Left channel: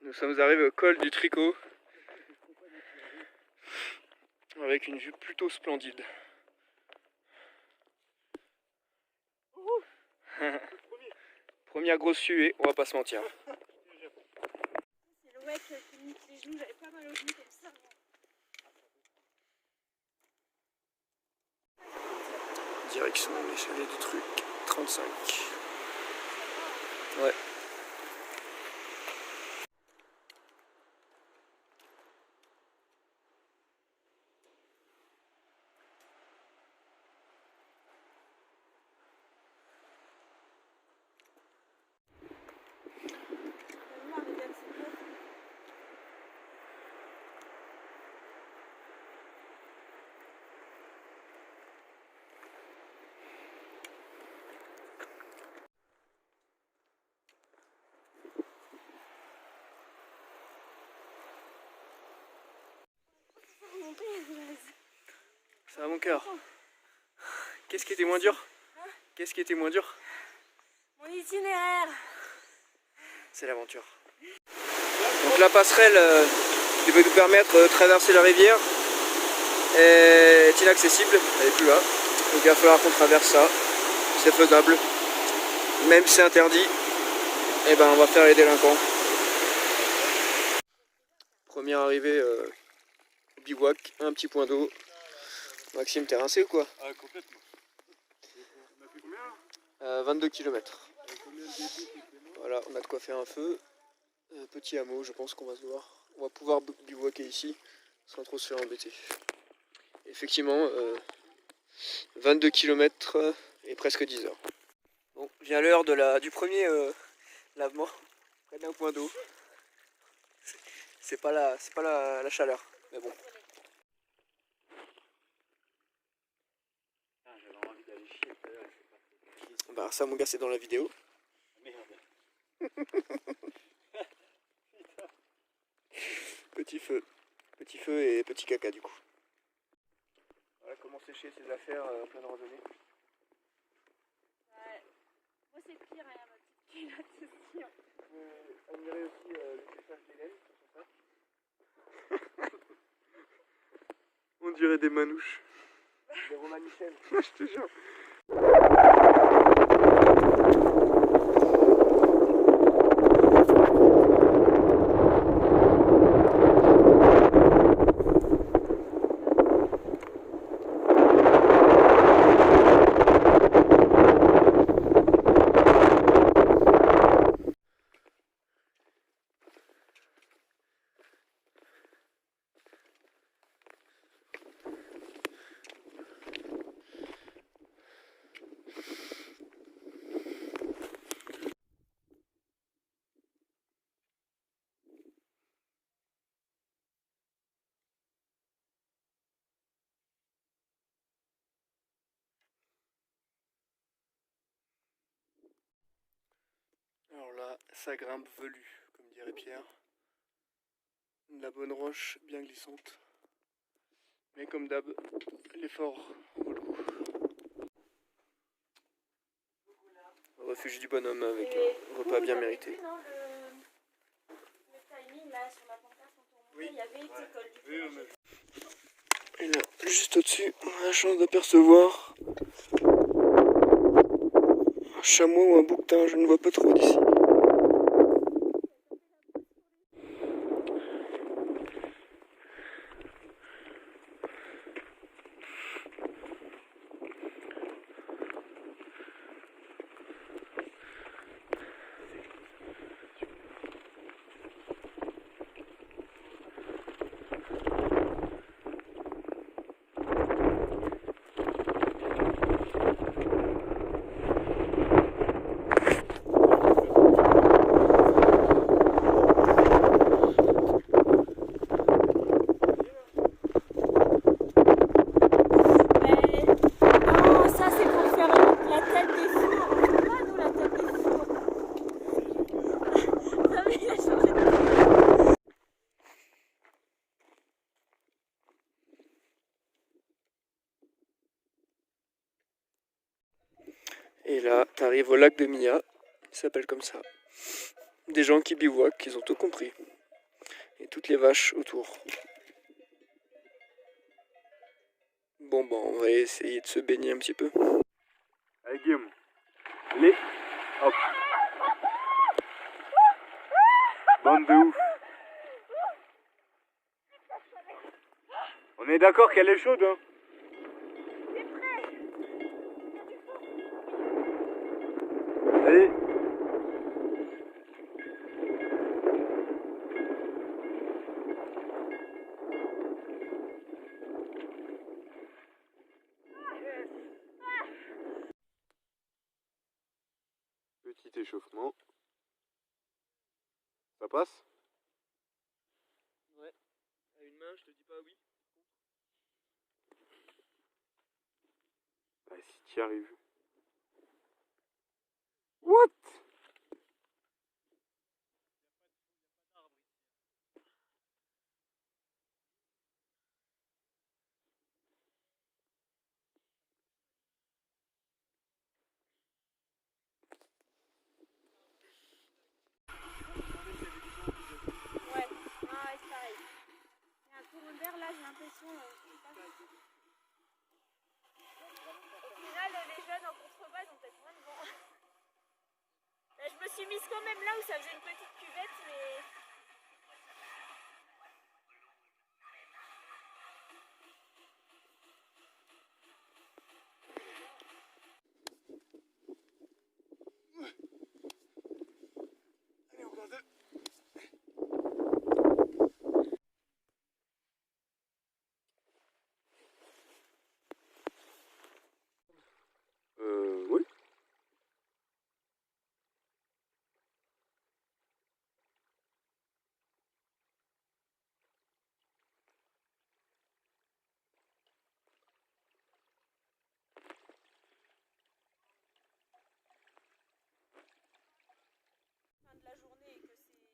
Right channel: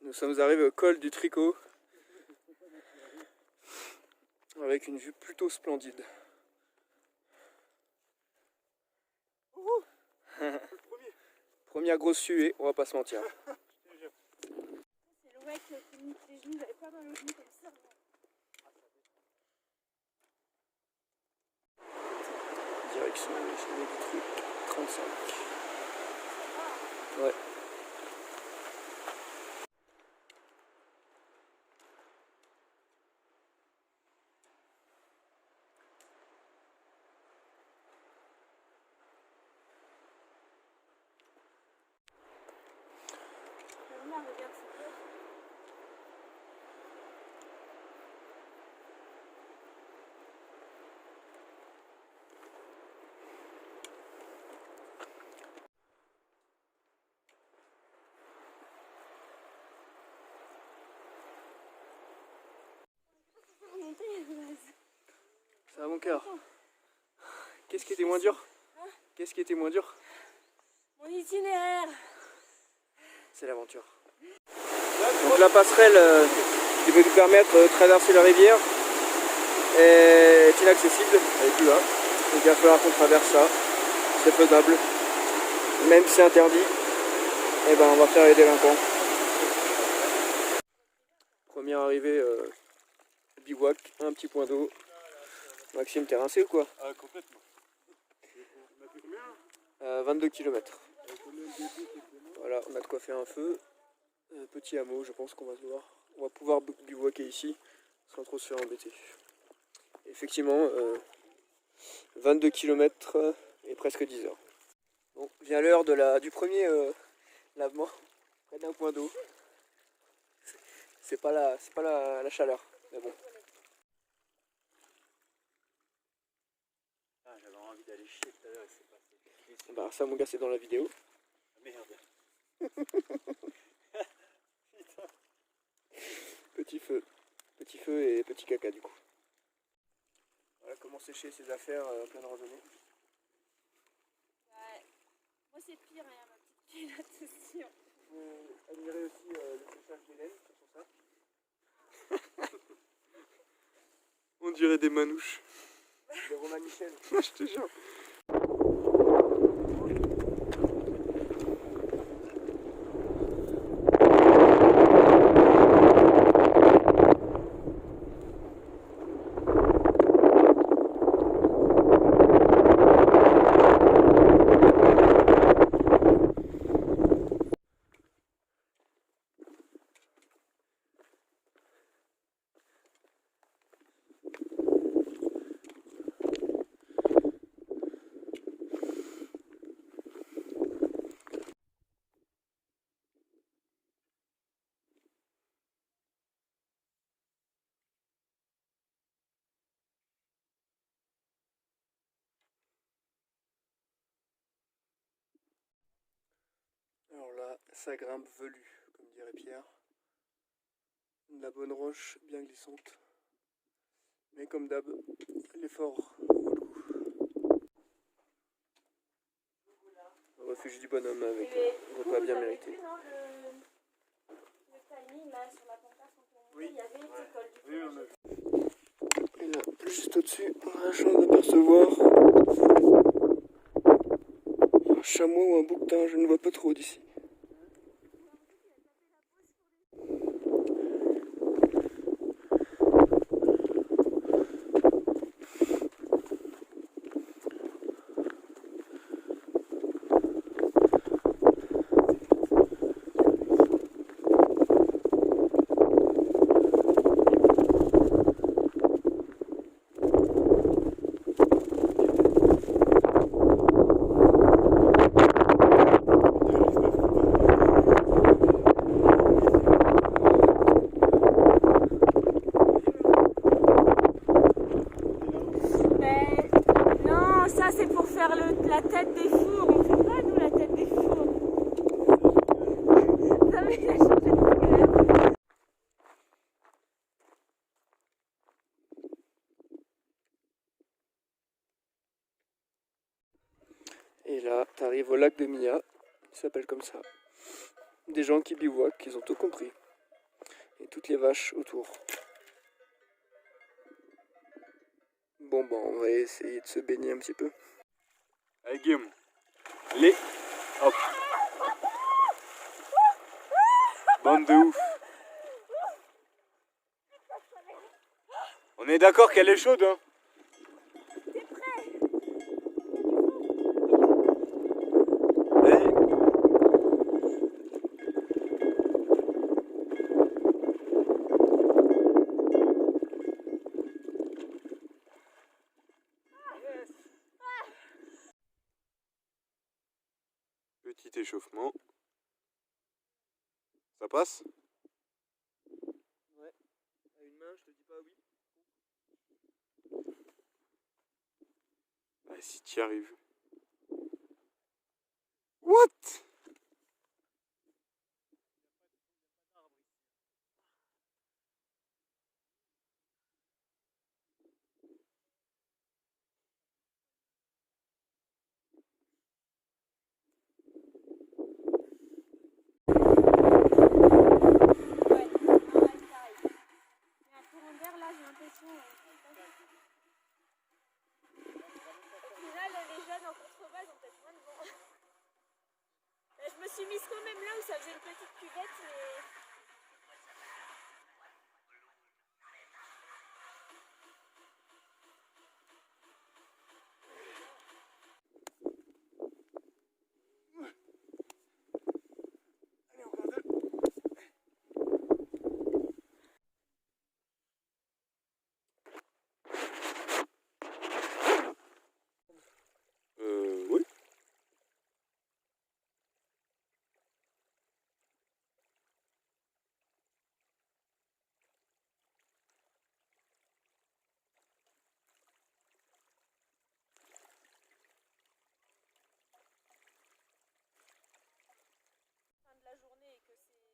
Nous sommes arrivés au col du Tricot avec une vue plutôt splendide. Première grosse suée, on va pas se mentir. C'est le mec qui me nique les genoux, j'avais pas mal aux genoux comme ça. Direction les chalets du truc, 35. Ouais. Regarde, c'est beau. Ça va mon cœur. Qu'est-ce qui était moins dur? Qu'est-ce qui était moins dur? Mon itinéraire. C'est l'aventure. Donc la passerelle qui devait nous permettre de traverser la rivière est inaccessible, elle n'est plus là. Donc il va falloir qu'on traverse ça. C'est faisable. Même si c'est interdit, eh ben on va faire les délinquants. Première arrivée bivouac, un petit point d'eau. Maxime, t'es rincé ou quoi? Ah, complètement. 22 km. Voilà, on a de quoi faire un feu. Petit hameau, je pense qu'on va se voir. On va pouvoir bivouaquer ici sans trop se faire embêter. Effectivement, 22 km et presque 10 heures. Bon, vient l'heure du premier lavement près d'un point d'eau. C'est pas la chaleur, mais bon. Ah, j'avais envie d'aller chier tout à l'heure, c'est pas fait. Bah ça mon gars c'est dans la vidéo. Merde. Petit feu et petit caca du coup. Voilà comment sécher ses affaires en pleine randonnée. Ouais. Moi c'est pire, hein, ma petite culotte aussi. Vous pouvez admirer aussi le séchage d'Hélène sur son sac. On dirait des manouches. De Romain Michel. Je te jure. Alors là, ça grimpe velu, comme dirait Pierre. De la bonne roche bien glissante. Mais comme d'hab, l'effort vaut le coup. Refuge du bonhomme avec un repas bien mérité. Le timing là sur la pancarte quand on Oui. il y avait école du coup. Et là, juste au-dessus, on a la chance d'apercevoir un chameau ou un bouquetin, je ne vois pas trop d'ici. Non, ça c'est pour faire la tête des fours. On fait pas nous la tête des fours. Non mais il a changé de... Et là, t'arrives au lac de Mia, il s'appelle comme ça. des gens qui bivouaquent, ils ont tout compris. Et toutes les vaches autour. Bon, bah, on va essayer de se baigner un petit peu. Allez Guillaume, allez, hop. Bande de ouf. On est d'accord qu'elle est chaude, hein? Allez. Petit échauffement. Ça passe? Ouais, à une main, je te dis pas oui. Ah, si tu y arrives. What? Je me suis mise quand même là où ça faisait une petite cuvette, mais... Allez, encore deux. Oui.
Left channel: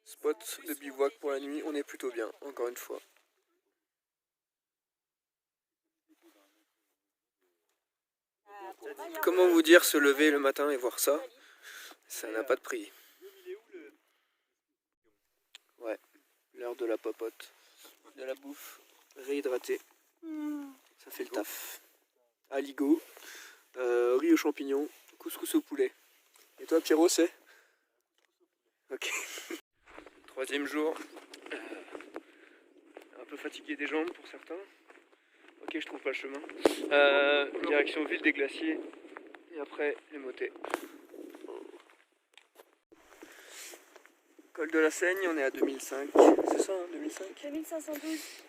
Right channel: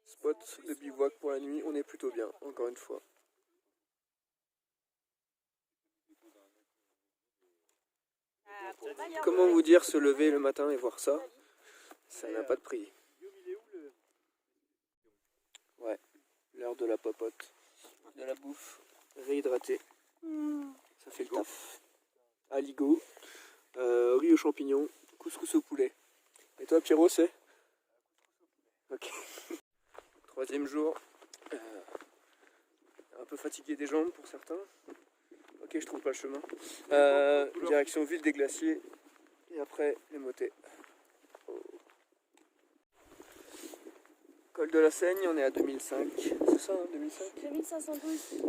Spot de bivouac pour la nuit, on est plutôt bien, encore une fois. Comment vous dire se lever le matin et voir ça? Ça n'a pas de prix. Ouais, l'heure de la popote, de la bouffe, réhydrater, ça fait le taf. Aligot, riz aux champignons, couscous au poulet. Et toi Pierrot, c'est? Ok. Troisième jour, un peu fatigué des jambes pour certains. Ok, je trouve pas le chemin. Direction ville des glaciers et après les motets. Col de la Seigne, on est à 2005. C'est ça, hein, 2005 2512.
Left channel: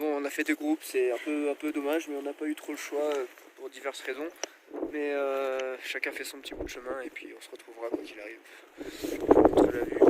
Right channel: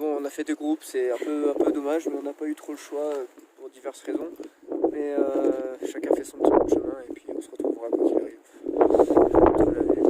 Bon, on a fait deux groupes, c'est un peu dommage, mais on n'a pas eu trop le choix pour diverses raisons. Mais chacun fait son petit bout de chemin et puis on se retrouvera quand il arrive. Je vous montre la vue.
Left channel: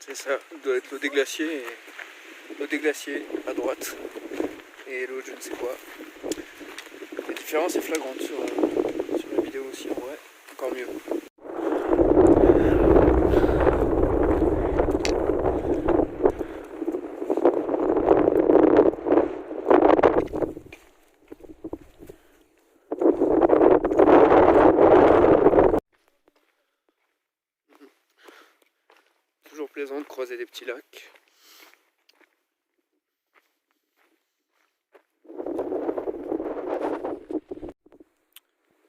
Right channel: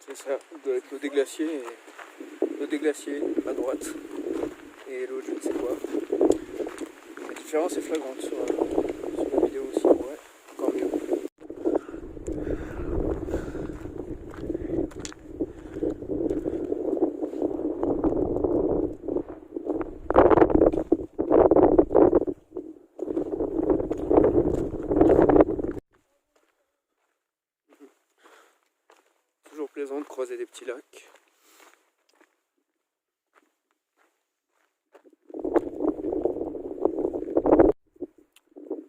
C'est ça, doit être l'eau des glaciers, l'eau des glaciers à droite et l'autre je ne sais quoi. La différence est flagrante sur la vidéo aussi, en vrai, encore mieux. Toujours plaisant de croiser des petits lacs.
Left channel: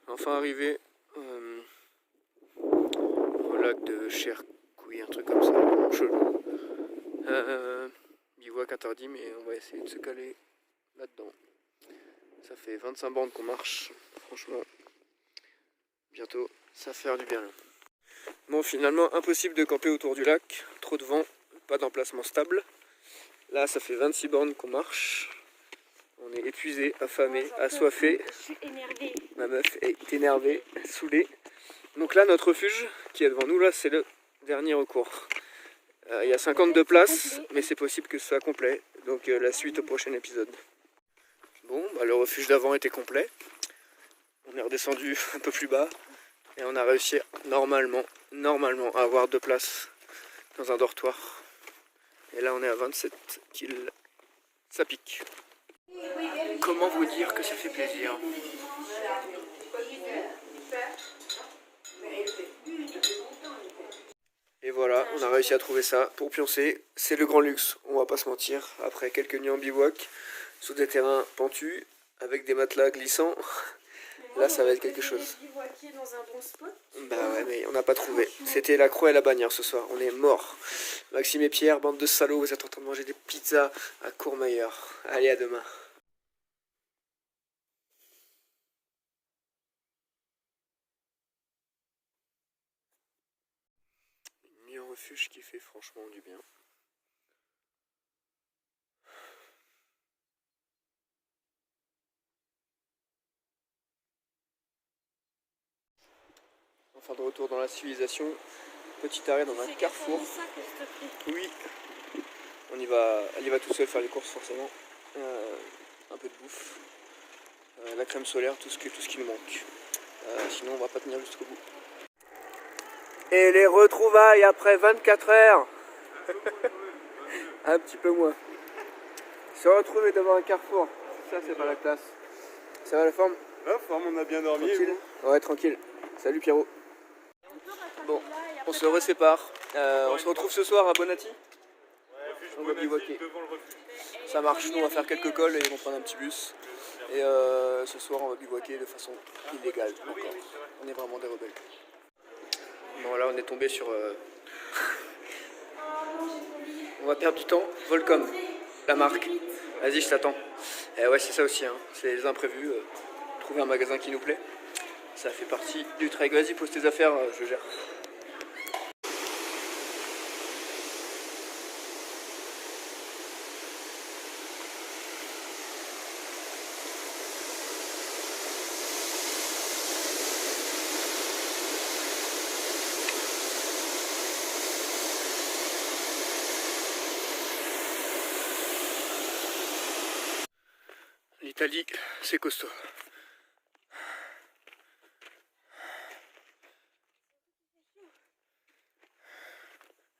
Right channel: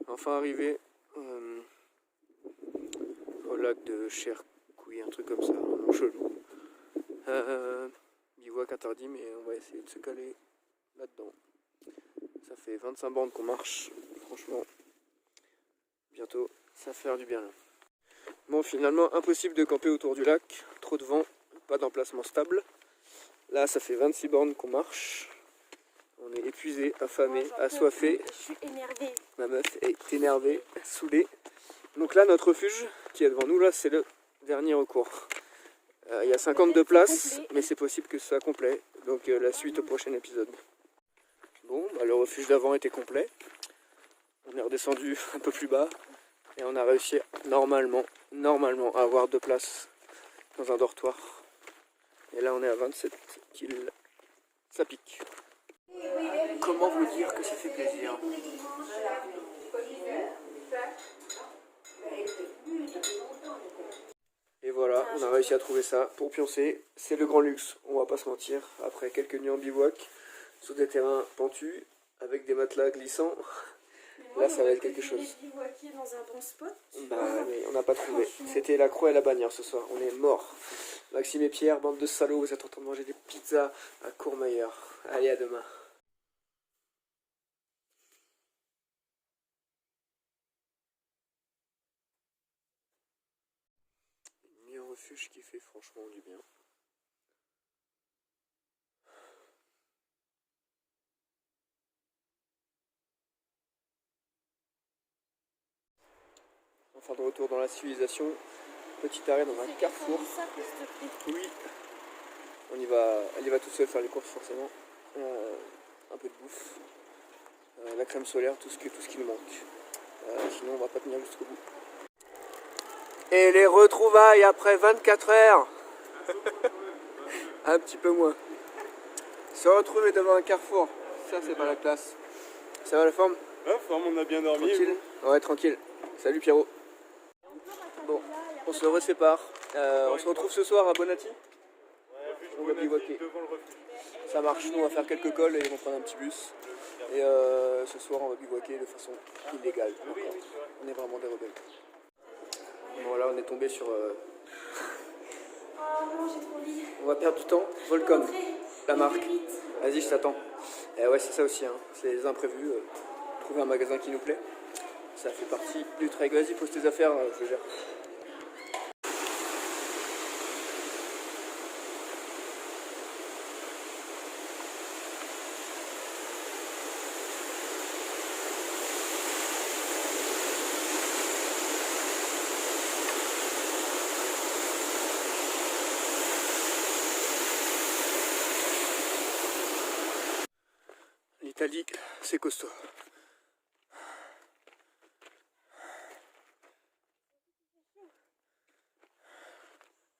Enfin arrivé au lac de Chercouy, un truc comme ça, chelou. Bivouac interdit, mais on va essayer de se caler là-dedans. Ça fait 25 bandes qu'on marche, franchement, bientôt ça va faire du bien là. Bon, finalement impossible de camper autour du lac, trop de vent, pas d'emplacement stable. Là ça fait 26 bornes qu'on marche. On est épuisé, affamé, assoiffé. Je suis énervée. Ma meuf est énervée, saoulée. Donc là notre refuge qui est devant nous là, c'est le dernier recours. Il y a 52 places, mais c'est possible que ce soit complet. Donc la suite au prochain épisode. Bon, bah, le refuge d'avant était complet. On est redescendu un peu plus bas. Et on a réussi normalement à avoir 2 places dans un dortoir. Et là on est à 27 kills. Ça pique. Comment vous dire que ça fait plaisir? Et voilà, on a réussi à trouver ça pour pioncer. C'est le grand luxe, on va pas se mentir. Après quelques nuits en bivouac, sur des terrains pentus, avec des matelas glissants, là ça va être quelque chose. Dans un bon spot. Bah ouais, mais on n'a pas trouvé. C'était la croix et la bannière ce soir, on est morts. Maxime et Pierre, bande de salauds, vous êtes en train de manger des pizzas à Courmayeur. Allez, à demain. Une nuit en refuge qui fait franchement du bien. Enfin de retour dans la civilisation, petit arrêt dans un carrefour. Oui, elle y va tout seul faire les courses forcément. Un peu de bouffe, la crème solaire, tout ce qui nous manque. Sinon on va pas tenir jusqu'au bout. Et les retrouvailles après 24 heures. Un petit peu moins. Se retrouver devant un carrefour, ça c'est pas la classe. Ça va la forme? La forme, on a bien dormi. Tranquille. Ouais, tranquille. Salut Pierrot. Bon, on se resépare. On se retrouve ce soir à Bonatti. On va bivouaquer. Devant le refuge. Ça marche, nous on va faire quelques cols et ils vont prendre un petit bus. Et ce soir on va bivouaquer de façon illégale encore. On est vraiment des rebelles. Bon là on est tombé sur... On va perdre du temps. Volcom, la marque. Vas-y, je t'attends. Et ouais, c'est ça aussi, hein. C'est les imprévus. Trouver un magasin qui nous plaît. Ça fait partie du trek. Vas-y, pose tes affaires, je gère. L'Italie, c'est costaud.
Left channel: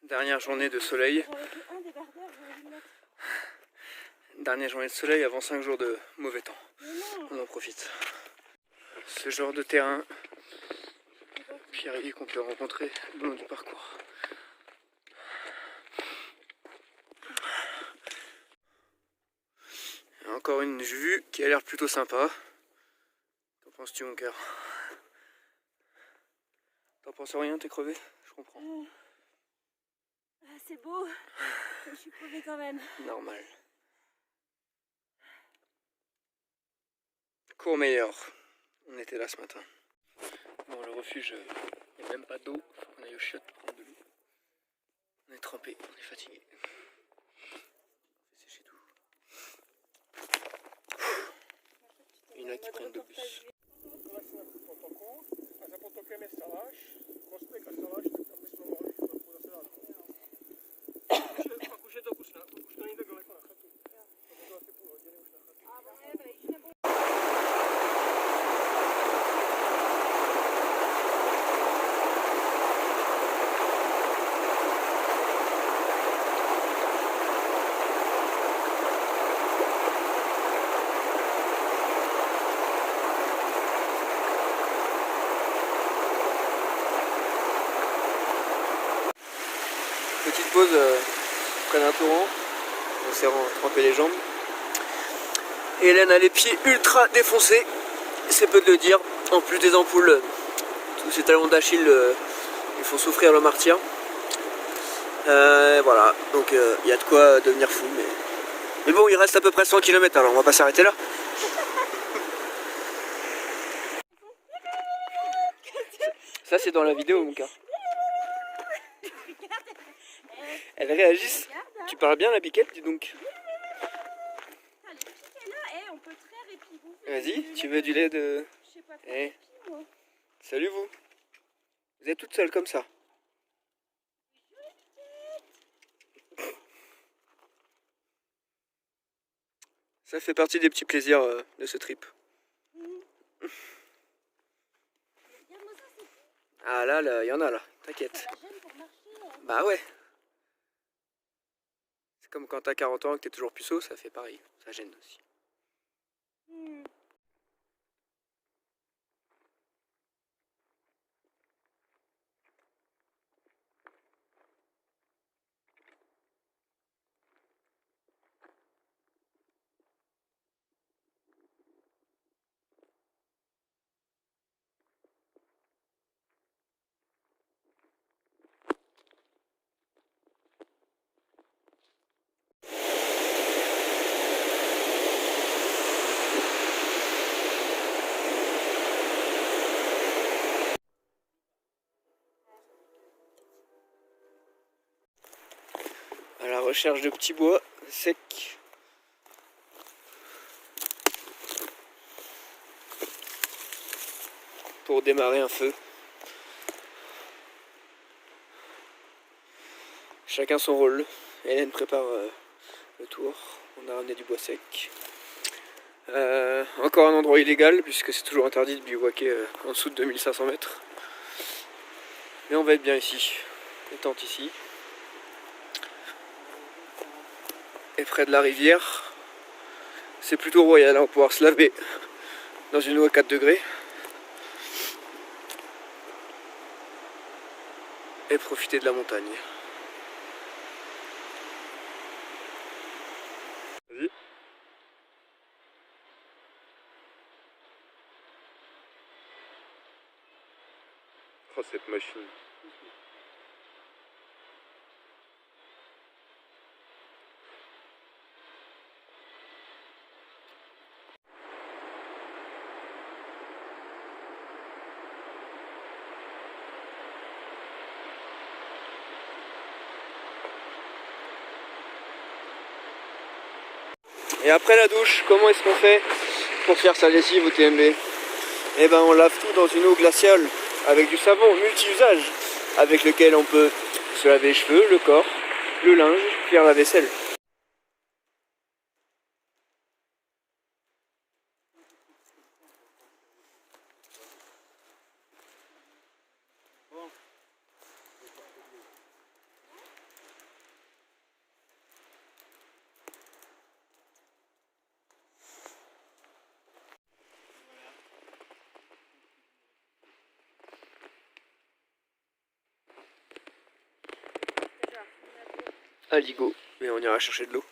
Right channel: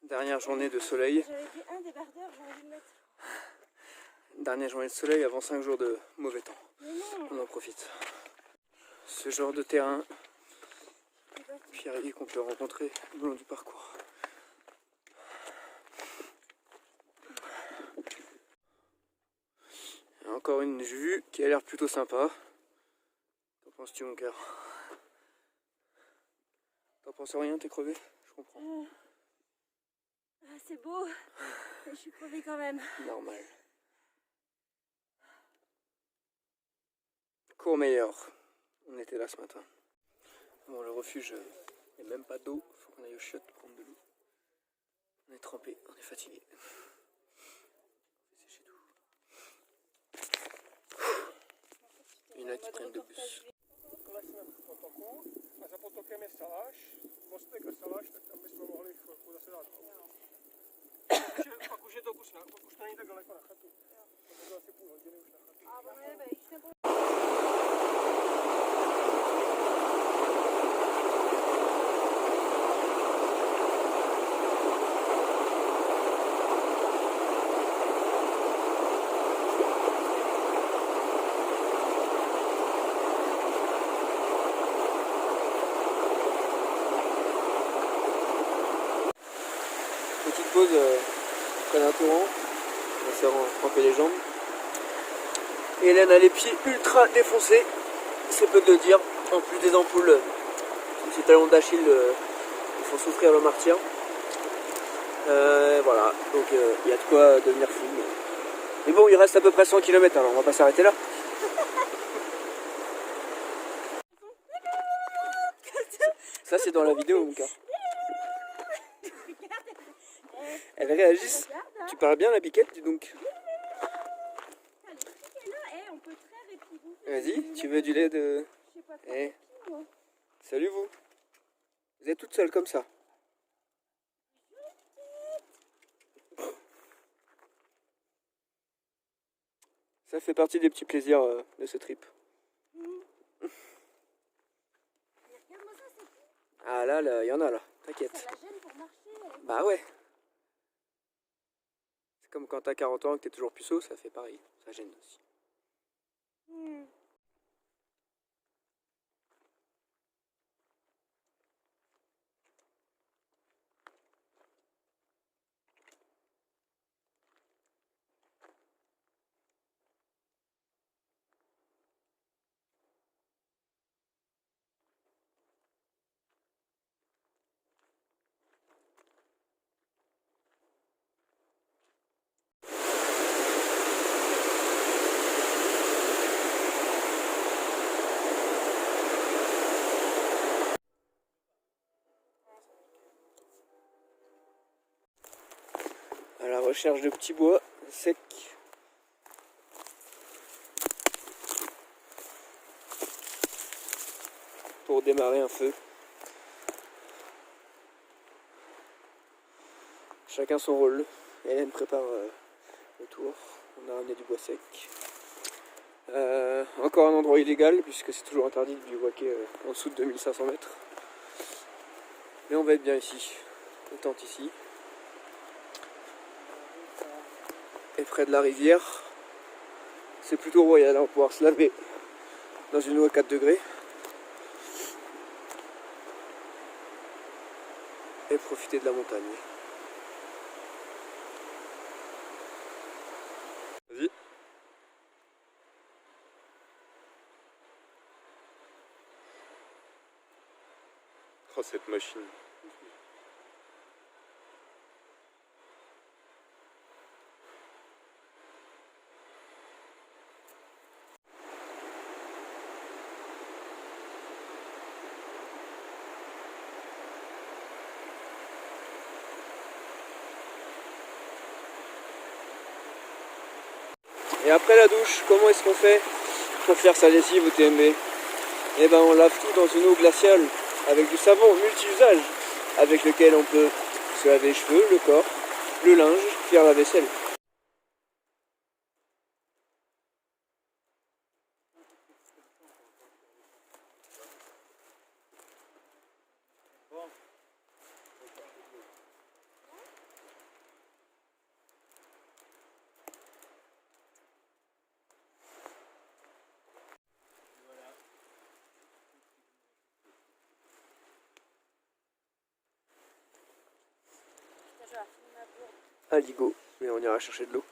Dernière journée de soleil. Dernière journée de soleil avant 5 jours de mauvais temps. On en profite. Ce genre de terrain pierrier qu'on peut rencontrer le long du parcours. Encore une vue qui a l'air plutôt sympa. Qu'en penses-tu, mon cœur? T'en penses rien, t'es crevé? Je comprends. C'est beau, mais je suis crevée quand même. Normal. Courmayeur. On était là ce matin. Bon, le refuge, il n'y a même pas d'eau. Faut qu'on aille au chiottes prendre de l'eau. On est trempé, on est fatigué. C'est séché tout. Il y en a qui prennent le bus. Petite pause près d'un torrent, on s'est trempé les jambes. Et Hélène a les pieds ultra défoncés, c'est peu de le dire. En plus des ampoules, tous ces talons d'Achille, ils font souffrir le martyr. Voilà, donc il y a de quoi devenir fou. Mais bon, il reste à peu près 100 km, alors on va pas s'arrêter là. Ça c'est dans la vidéo, mon gars. Elles réagissent. Tu parles bien la biquette, dis donc. Vas-y, tu veux du lait de... Eh. Salut vous. Vous êtes toute seule comme ça. Ça fait partie des petits plaisirs de ce trip. Ah là, il y en a là, t'inquiète. Ça la gêne pour marcher. Bah ouais. C'est comme quand t'as 40 ans et que t'es toujours puceau, ça fait pareil. Ça gêne aussi. À la recherche de petits bois secs. Pour démarrer un feu. Chacun son rôle. Hélène prépare le tour. On a ramené du bois sec. Encore un endroit illégal puisque c'est toujours interdit de bivouaquer en dessous de 2500 mètres. Mais on va être bien ici. Les tentes ici. Et près de la rivière. C'est plutôt royal, on va pouvoir se laver dans une eau à 4 degrés. Et profiter de la montagne. Vas-y. Oh, cette machine. Et après la douche, comment est-ce qu'on fait pour faire sa lessive au TMB? Eh ben on lave tout dans une eau glaciale avec du savon multi-usage avec lequel on peut se laver les cheveux, le corps, le linge, faire la vaisselle. Aligot, et on ira chercher de l'eau.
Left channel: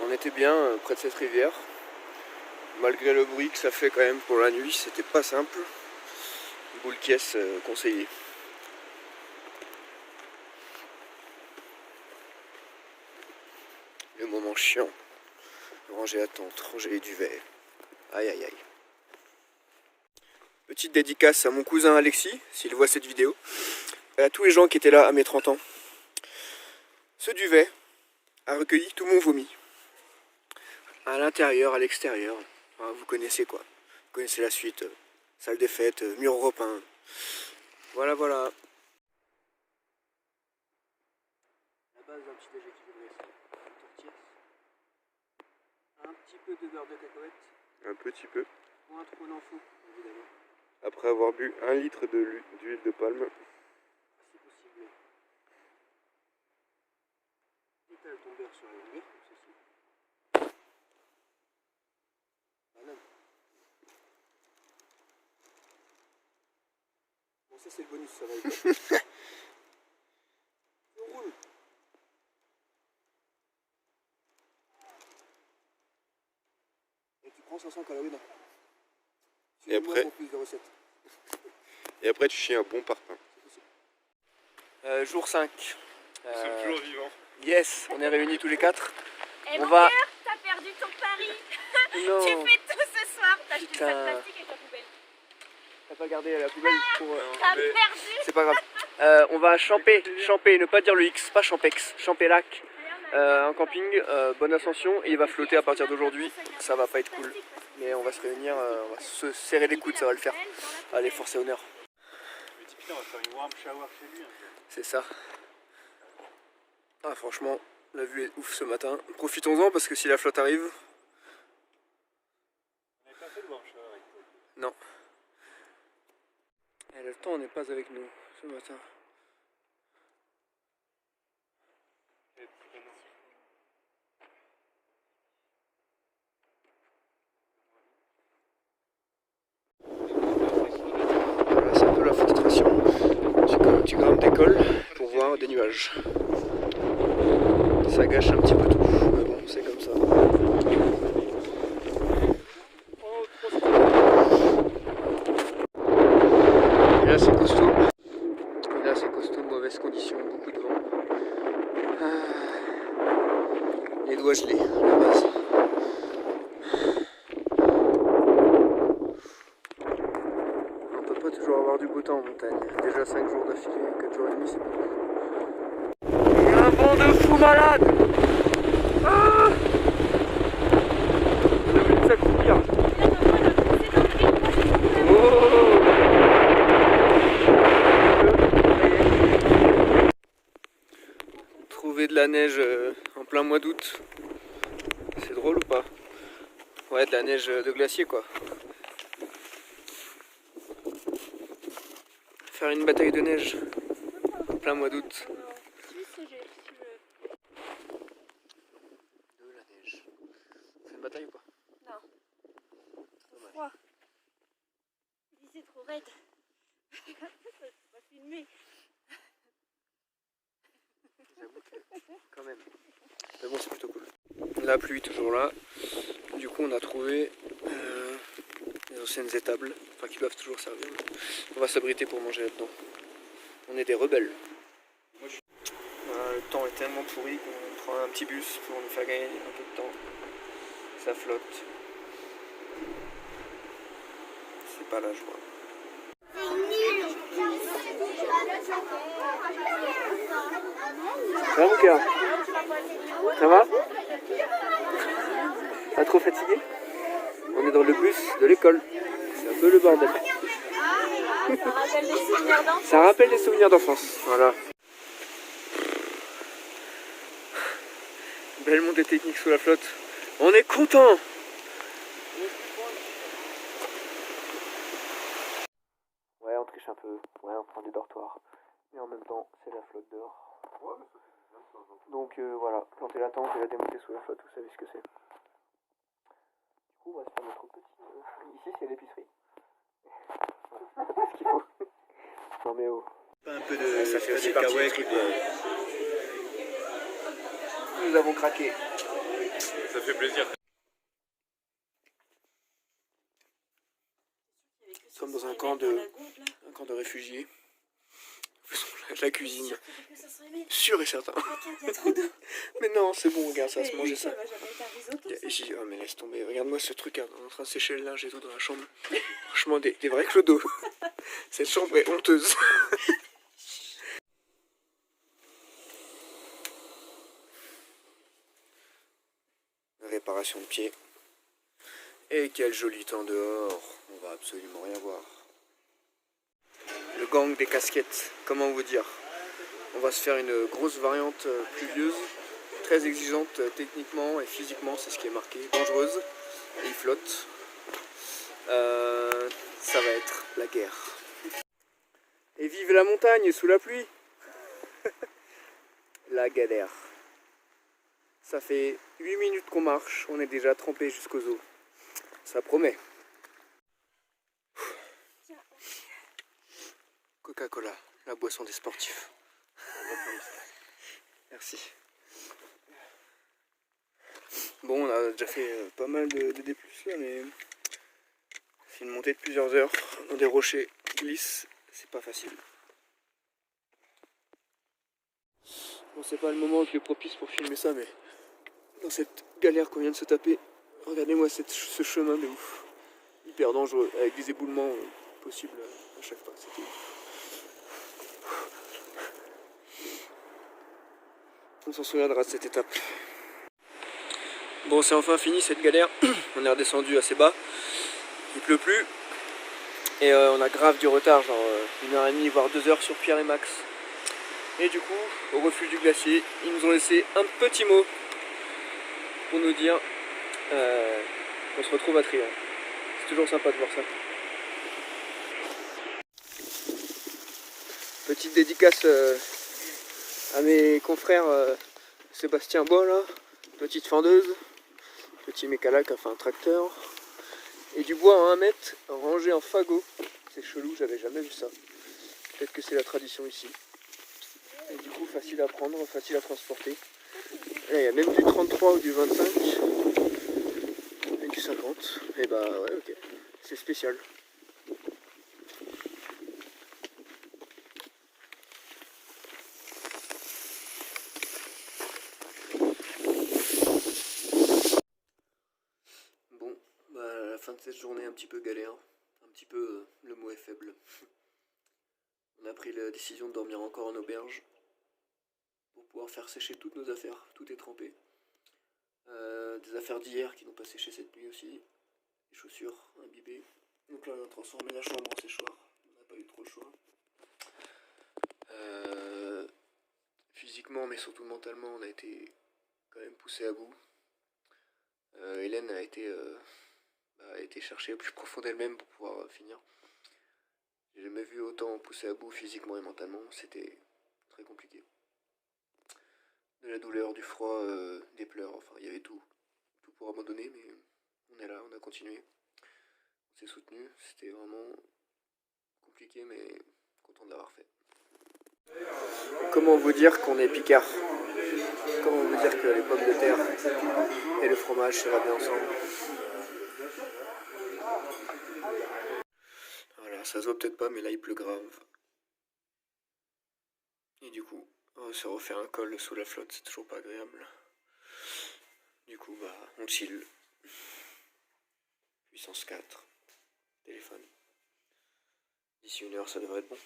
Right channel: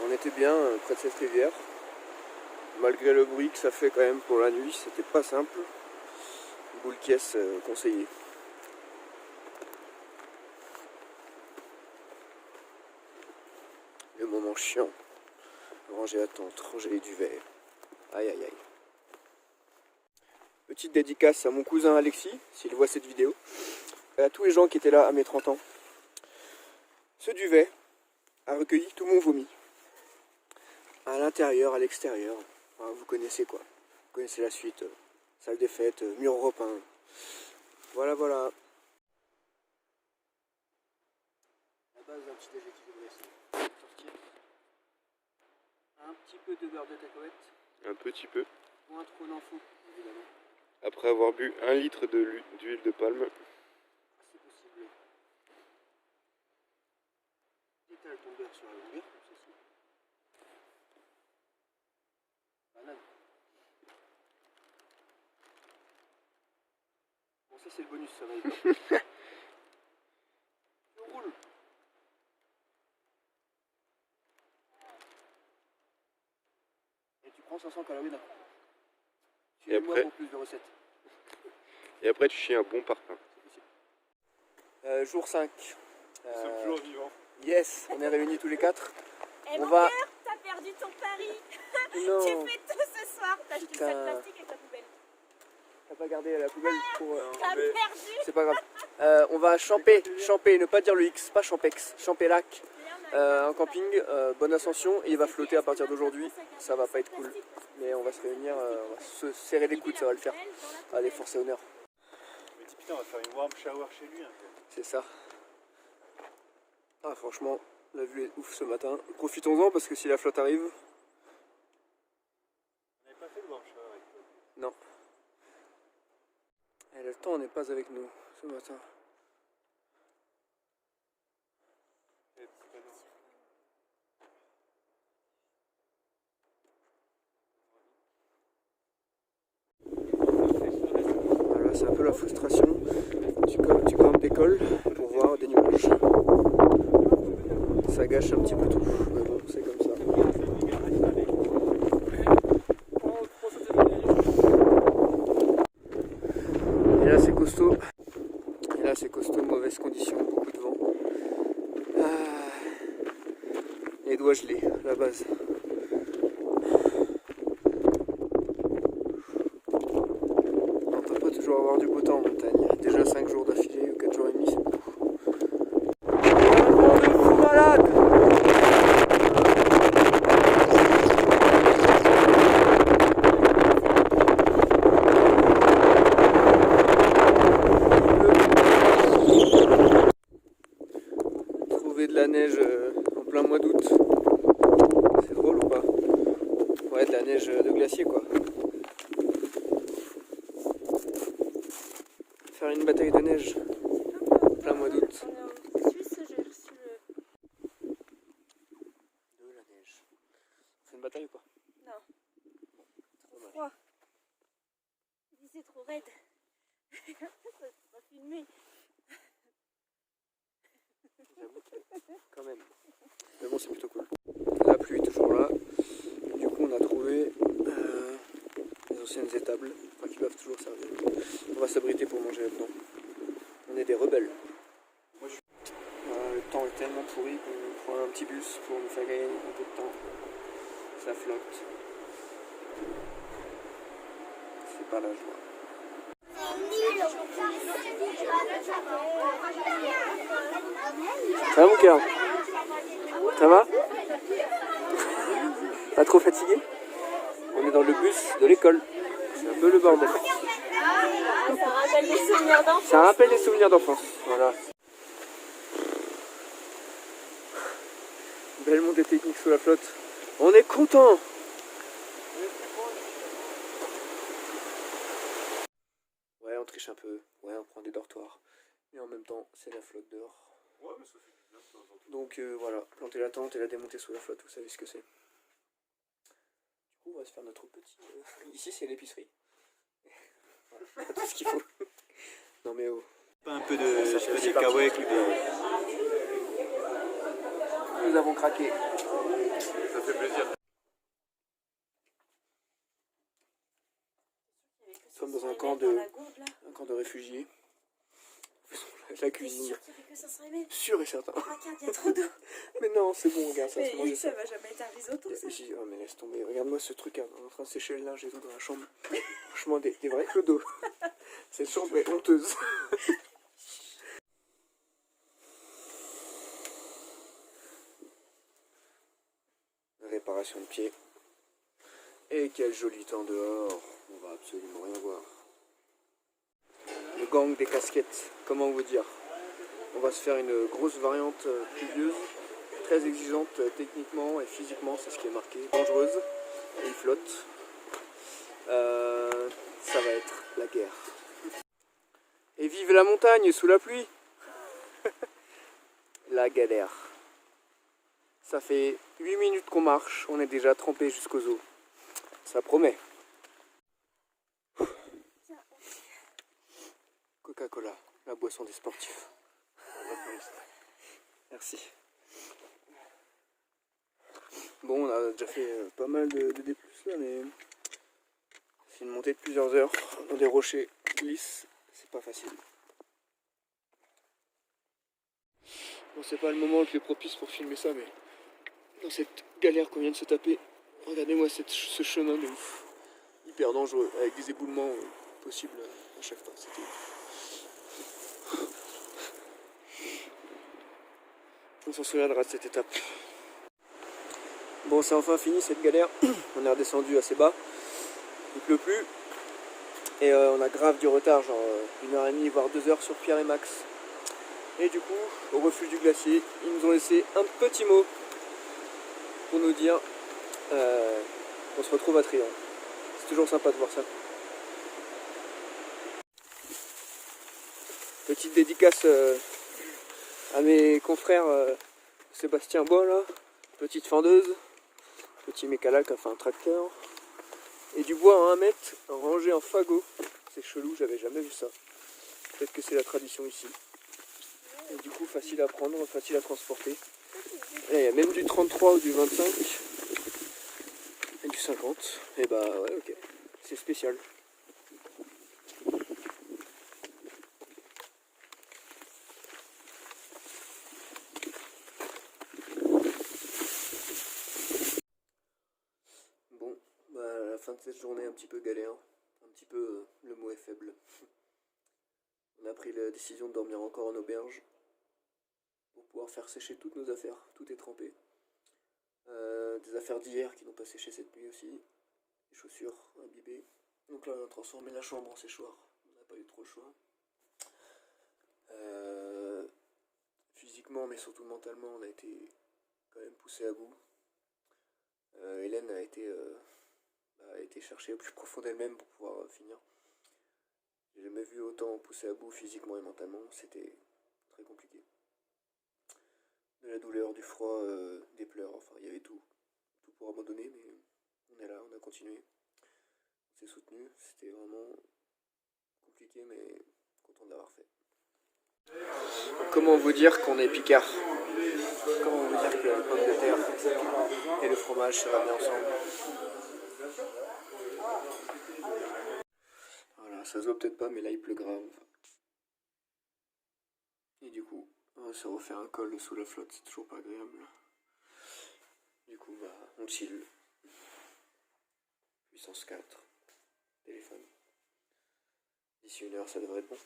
On était bien près de cette rivière. Malgré le bruit que ça fait quand même pour la nuit, c'était pas simple. Boule caisse conseillé. Le moment chiant. Ranger la tente, ranger les duvets. Aïe aïe aïe. Petite dédicace à mon cousin Alexis, s'il voit cette vidéo. Et à tous les gens qui étaient là à mes 30 ans. Ce duvet a recueilli tout mon vomi. À l'intérieur, à l'extérieur. Enfin, vous connaissez quoi. Vous connaissez la suite. Salle des fêtes, mur européen. Voilà, voilà. La base d'un petit déséquilibré. Sortir. Un petit peu de beurre de cacahuète. Un petit peu. Moins trop d'en faut, évidemment. Après avoir bu 1 litre d'huile de palme. C'est possible. Étale ton beurre sur la longueur, comme ceci. Banane. Bon, ça c'est le bonus, ça va être. On roule. Et tu prends 500 calories d'un coup. Suivez-moi après pour plus de recettes. Et après, tu chies un bon parpaing. C'est possible. Jour 5. Nous sommes toujours vivants. Yes, on est réunis tous les 4. Et On mon va- cœur, t'as perdu ton pari. Non, Tu fais tout ce soir. T'as acheté Putain. le sac plastique et ta poubelle. t'as pas gardé la poubelle pour... T'as mais- perdu. C'est pas grave. On va champer, ne pas dire le X, pas champex, Champélac. En camping, bonne ascension, et il va flotter à partir d'aujourd'hui. Ça va pas être cool. Mais on va se réunir, on va se serrer les coudes, ça va le faire. Allez, force et honneur. Mais putain, on va faire une warm shower chez lui. C'est ça. Ah, franchement, La vue est ouf ce matin. Profitons-en parce que si la flotte arrive... Non. Et le temps n'est pas avec nous ce matin. Voilà, c'est un peu la frustration. Tu grimpes des cols pour voir des nuages. Ça gâche un petit peu tout, mais bon, c'est comme ça. Et là c'est costaud. Et là c'est costaud, mauvaises conditions, beaucoup de vent. Les doigts gelés à la base. On peut pas toujours avoir du beau temps en montagne. Déjà 5 jours d'affilée, 4 jours et demi, c'est beaucoup. Il y a un vent de fou malade. Trouver de la neige en plein mois d'août, c'est drôle ou pas? Ouais, de la neige de glacier quoi. Faire une bataille de neige en plein mois d'août. De la neige. C'est une bataille ou pas? Non. Trop froid. C'est trop raide. Ça peut pas filmer. J'avoue que quand même. Mais bon, c'est plutôt cool. La pluie toujours là. Du coup, on a trouvé les anciennes étables, enfin qui doivent toujours servir. On va s'abriter pour manger là-dedans. On est des rebelles. Le temps est tellement pourri qu'on prend un petit bus pour nous faire gagner un peu de temps. Ça flotte. C'est pas la joie. Ça va mon cœur? Ça va? Pas trop fatigué? On est dans le bus de l'école. C'est un peu le bordel. Ça rappelle des souvenirs d'enfance. Voilà. Belle montée technique sous la flotte. On est content. Ouais, on triche un peu. Ouais, on prend des dortoirs. Mais en même temps, c'est la flotte dehors. Donc voilà, planter la tente et la démonter sous la flotte, vous savez ce que c'est. Du coup, on va se faire notre petit... Ici, c'est l'épicerie. Voilà, tout ce qu'il faut. Non mais oh. Un peu de... Ça fait aussi partie du truc. Nous avons craqué. Ça fait plaisir. Nous sommes dans un camp de réfugiés. La cuisine. Sûr et certain. Mais non, c'est bon, regarde, ça va se manger ça. Oh mais laisse tomber, regarde-moi ce truc, on est en train de sécher le linge et tout dans la chambre. Franchement, des vrais clodos. Cette chambre est honteuse. Réparation de pied. Et quel joli temps dehors, on va absolument rien voir. Le gang des casquettes, comment vous dire? On va se faire une grosse variante pluvieuse, très exigeante techniquement et physiquement, c'est ce qui est marqué, dangereuse, et il flotte. Ça va être la guerre. Et vive la montagne sous la pluie. La galère. Ça fait 8 minutes qu'on marche, on est déjà trempé jusqu'aux os. Ça promet. Coca-Cola, la boisson des sportifs. Merci. Bon, on a déjà fait pas mal de D+, là, mais c'est une montée de plusieurs heures dans des rochers qui glissent, c'est pas facile. Bon, c'est pas le moment le plus propice pour filmer ça, mais dans cette galère qu'on vient de se taper, regardez-moi ce chemin de ouf. Hyper dangereux, avec des éboulements possibles à chaque pas, c'était ouf. On s'en souviendra de cette étape. Bon, c'est enfin fini cette galère. On est redescendu assez bas. Il pleut plus. Et on a grave du retard, genre 1h30 voire 2 heures sur Pierre et Max. Et du coup, au refuge du glacier, ils nous ont laissé un petit mot pour nous dire qu'on se retrouve à Trian. C'est toujours sympa de voir ça. Petite dédicace à mes confrères Sébastien Bois là, petite fendeuse, petit mécalac, enfin un tracteur, et du bois à 1 mètre rangé en fagot. C'est chelou, j'avais jamais vu ça. Peut-être que c'est la tradition ici. Et du coup facile à prendre, facile à transporter. Là il y a même du 33 ou du 25 et du 50. Et bah ouais, ok, c'est spécial. Bon, bah à la fin de cette journée un petit peu galère, un petit peu, le mot est faible. On a pris la décision de dormir encore en auberge pour pouvoir faire sécher toutes nos affaires, tout est trempé. Des affaires d'hier qui n'ont pas séché cette nuit aussi, des chaussures imbibées. Donc là on a transformé la chambre en séchoir, on n'a pas eu trop le choix. Physiquement mais surtout mentalement on a été quand même poussé à bout. Hélène a été chercher au plus profond d'elle-même pour pouvoir finir. J'ai jamais vu autant poussé à bout physiquement et mentalement, c'était très compliqué. De la douleur, du froid, des pleurs, enfin il y avait tout pour abandonner, mais on est là, on a continué, on s'est soutenu, c'était vraiment compliqué mais content de l'avoir fait. Comment vous dire qu'on est picard? Comment vous dire que les pommes de terre et le fromage ça va bien ensemble? Voilà, ça se voit peut-être pas mais là il pleut grave. Et du coup, on va se refaire un col sous la flotte, c'est toujours pas agréable. Du coup, bah, on chill. Puissance 4. Téléphone. D'ici 1 heure, ça devrait être bon.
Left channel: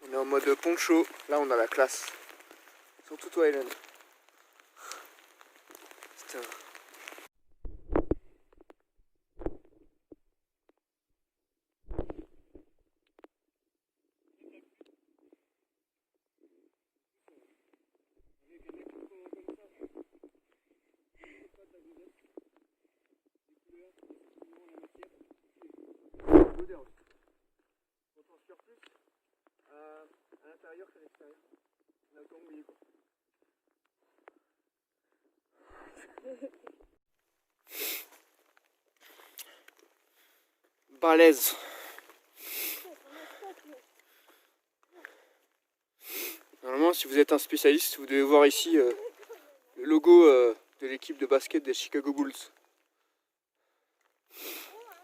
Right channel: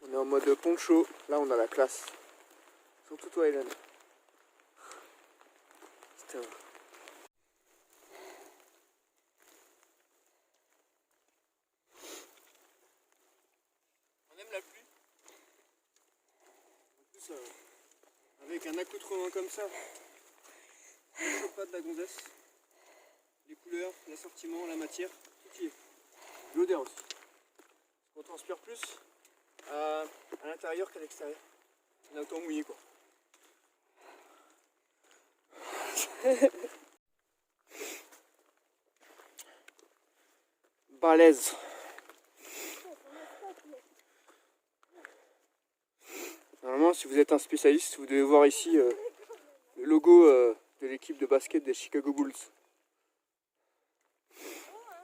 On est en mode poncho. Là, on a la classe. Surtout toi, Hélène. Putain. On aime la pluie. En plus, avec un accoutrement comme ça. Pas de la gonzesse, les couleurs, l'assortiment, la matière, tout y est. L'odeur aussi. On transpire plus à l'intérieur qu'à l'extérieur. On a autant mouillé quoi. Balèze. Normalement, si vous êtes un spécialiste, vous devez voir ici le logo de l'équipe de basket des Chicago Bulls.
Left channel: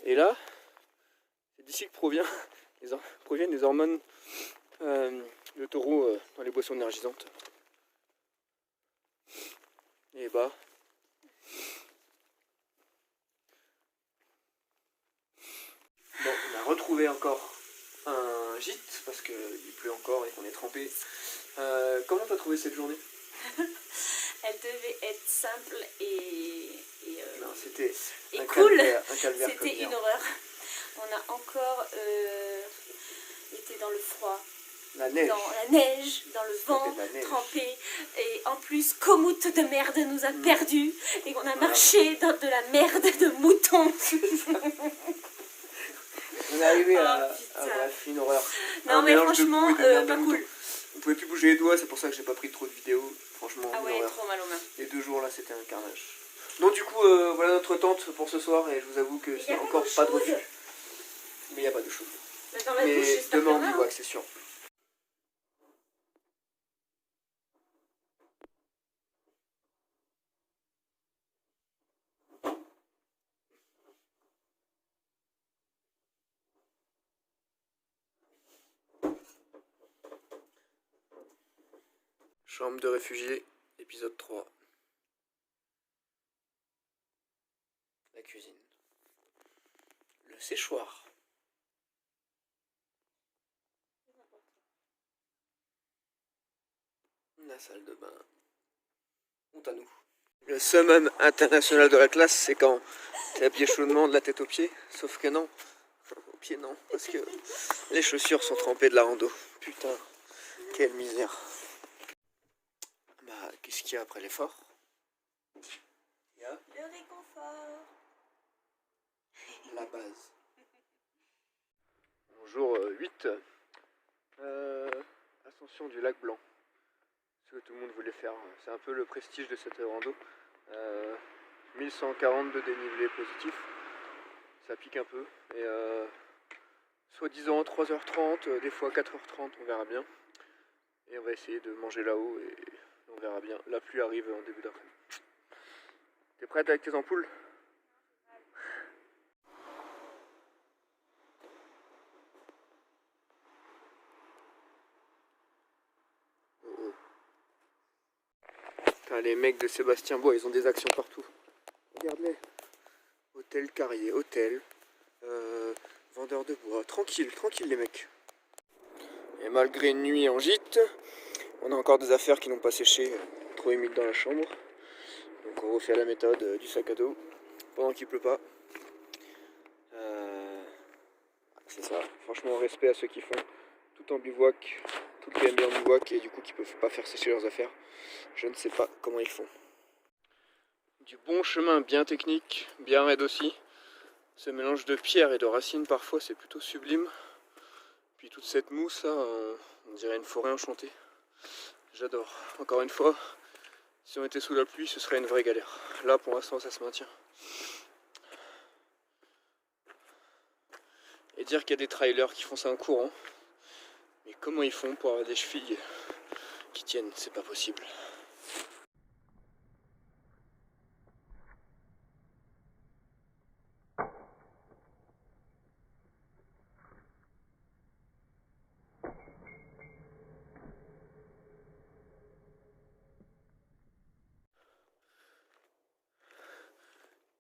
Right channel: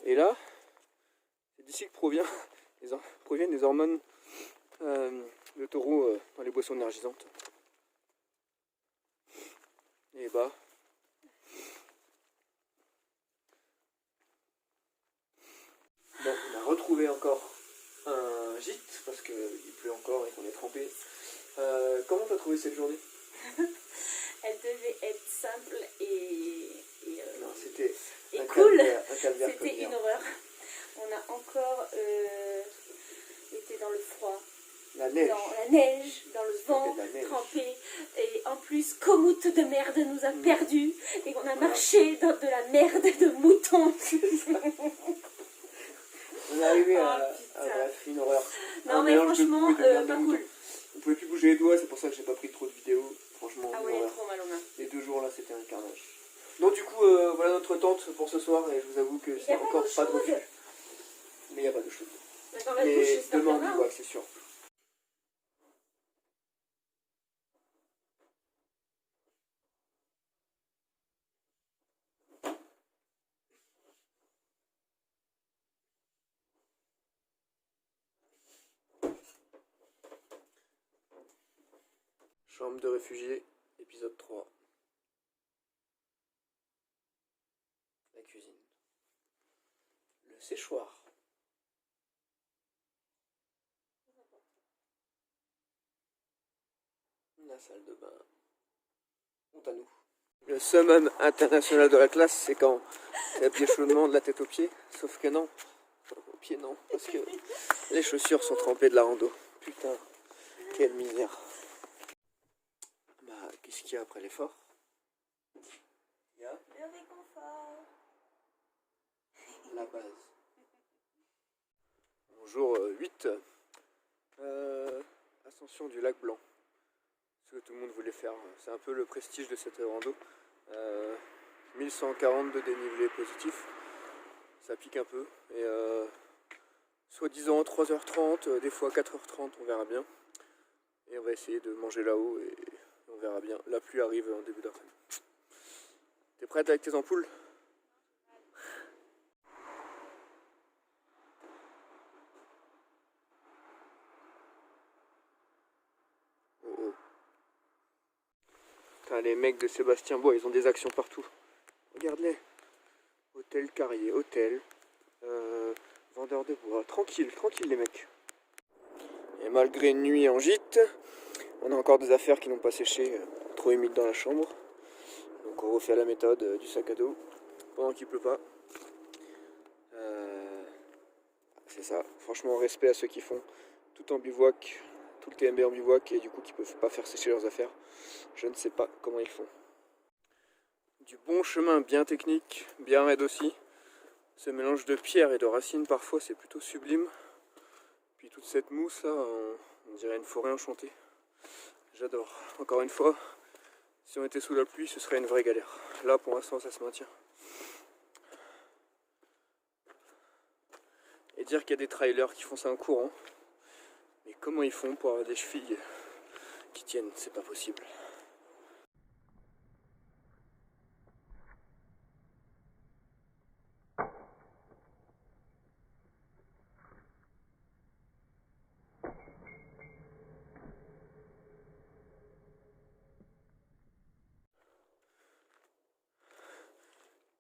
Et là, c'est d'ici que proviennent les hormones de taureau dans les boissons énergisantes. Et bah, bon, on a retrouvé encore un gîte parce qu'il pleut encore et qu'on est trempé. Comment t'as trouvé cette journée? Elle devait être simple et non, c'était un cool. Calvaire, c'était une horreur. On a encore été dans le froid, la neige. dans la neige, dans le vent, trempé. Et en plus, Komoot de merde nous a perdus et on a marché dans de la merde de mouton. On est arrivé à bref, une horreur. Non mais franchement, pas cool. On pouvait plus bouger les doigts, c'est pour ça que j'ai pas pris trop de vidéos. Franchement, ah ouais, trop mal aux mains. Les 2 jours là, c'était un carnage. Donc du coup, voilà notre tente pour ce soir et je vous avoue que c'est encore pas de refus. Mais il n'y a pas de chose. Mais demain on y voit que c'est sûr. Chambre de réfugiés, épisode 3. La cuisine. Le séchoir. La salle de bain. Honte à nous. Le summum international de la classe, c'est quand t'es habillé chaudement de la tête aux pieds. Sauf que non. Aux pieds non. Parce que les chaussures sont trempées de la rando. Putain. Quelle misère. Bah, qu'est-ce qu'il y a après l'effort? Le réconfort. La base. Jour 8. Ascension du lac Blanc. Ce que tout le monde voulait faire. C'est un peu le prestige de cette rando. 1140 de dénivelé positif. Ça pique un peu. Et soi-disant 3h30, des fois 4h30, on verra bien. Et on va essayer de manger là-haut et on verra bien. La pluie arrive en début d'après-midi. T'es prête avec tes ampoules? Oh oh. Putain, les mecs de Sébastien Bois, ils ont des actions partout. Regarde-les. Hôtel Carrier, hôtel, vendeur de bois. Tranquille, tranquille les mecs. Et malgré une nuit en gîte, on a encore des affaires qui n'ont pas séché, trop humides dans la chambre. Donc on refait la méthode du sac à dos pendant qu'il pleut pas. C'est ça, franchement respect à ceux qui font tout en bivouac, tout qui aiment bien en bivouac et du coup qui peuvent pas faire sécher leurs affaires. Je ne sais pas comment ils font. Du bon chemin bien technique, bien raide aussi. Ce mélange de pierre et de racines parfois c'est plutôt sublime. Puis toute cette mousse là, on dirait une forêt enchantée. J'adore. Encore une fois, si on était sous la pluie ce serait une vraie galère. Là pour l'instant ça se maintient. Et dire qu'il y a des trailers qui font ça en courant. Mais comment ils font pour avoir des chevilles qui tiennent? C'est pas possible.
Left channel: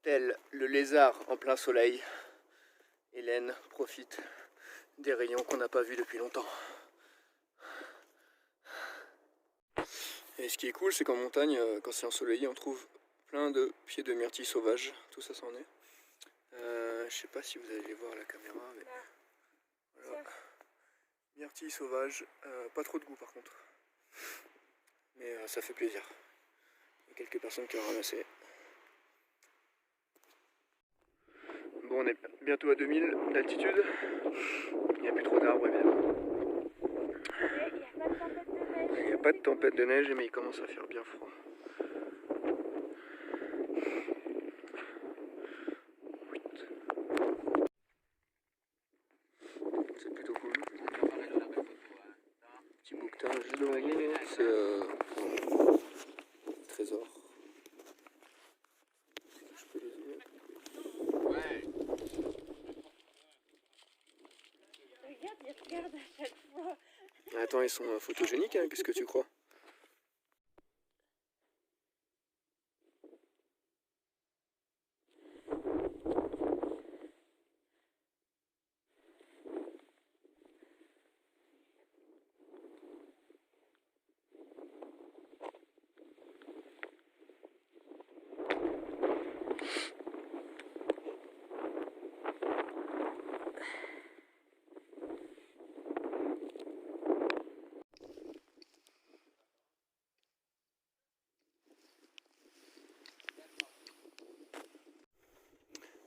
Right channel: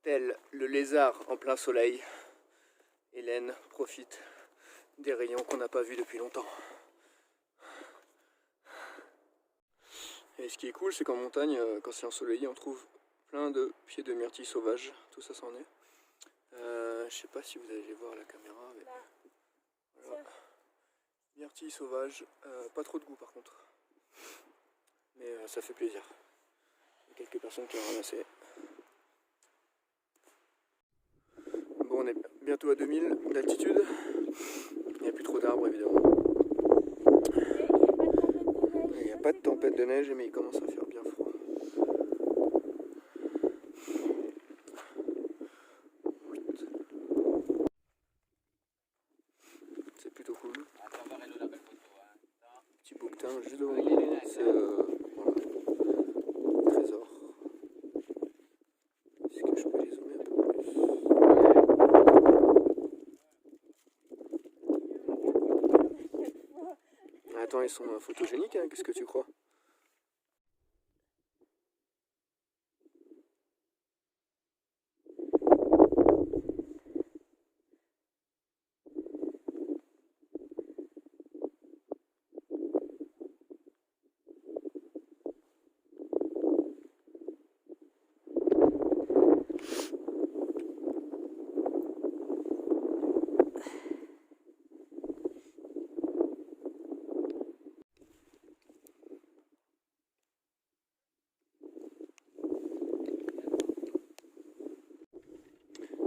Tel le lézard en plein soleil, Hélène profite des rayons qu'on n'a pas vus depuis longtemps. Et ce qui est cool, c'est qu'en montagne, quand c'est ensoleillé, on trouve plein de pieds de myrtille sauvage. Tout ça s'en est. Je sais pas si vous allez les voir à la caméra, mais voilà. Myrtille sauvage, pas trop de goût par contre. Mais ça fait plaisir. Il y a quelques personnes qui ont ramassé. Bon, on est bientôt à 2000 d'altitude. Il n'y a plus trop d'arbres évidemment. Il n'y a pas de tempête de neige, mais il commence à faire bien froid. C'est plutôt cool. Petit bouquetin juste devant nous, c'est trésor. Est-ce que je peux les zoomer? Attends, ils sont photogéniques, hein, qu'est-ce que tu crois?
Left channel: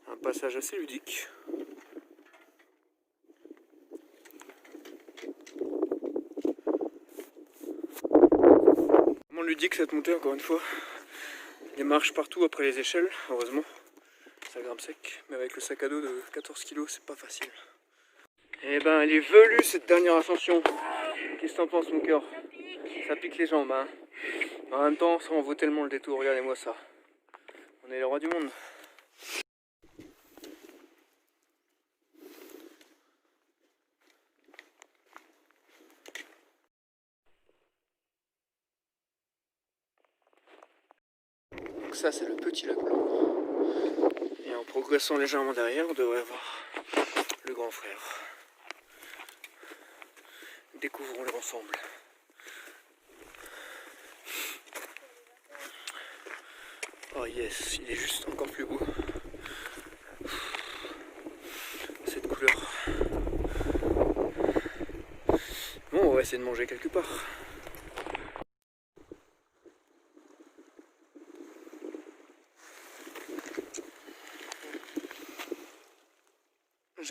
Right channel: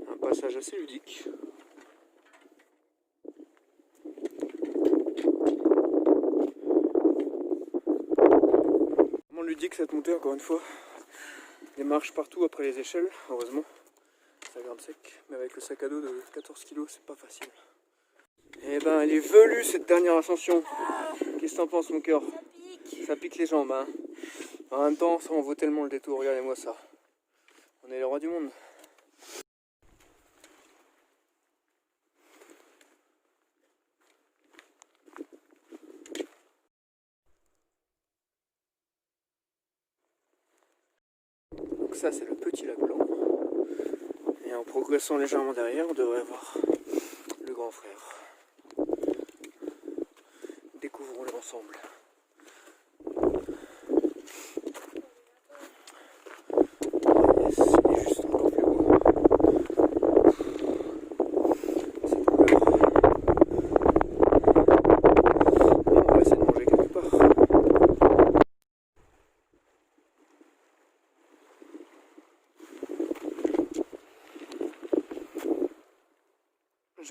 Un passage assez ludique. Vraiment ludique cette montée encore une fois. Des marches partout après les échelles, heureusement. Ça grimpe sec, mais avec le sac à dos de 14 kg, c'est pas facile. Eh ben, elle est velue cette dernière ascension. Qu'est-ce que t'en penses, mon cœur? Ça pique les jambes, hein. En même temps, ça en vaut tellement le détour, regardez-moi ça. On est les rois du monde. Donc ça, c'est le petit lac Blanc. Et en progressant légèrement derrière, on devrait voir le grand frère. Découvrons-le ensemble. Oh yes, il est juste encore plus beau. Cette couleur. Bon, on va essayer de manger quelque part.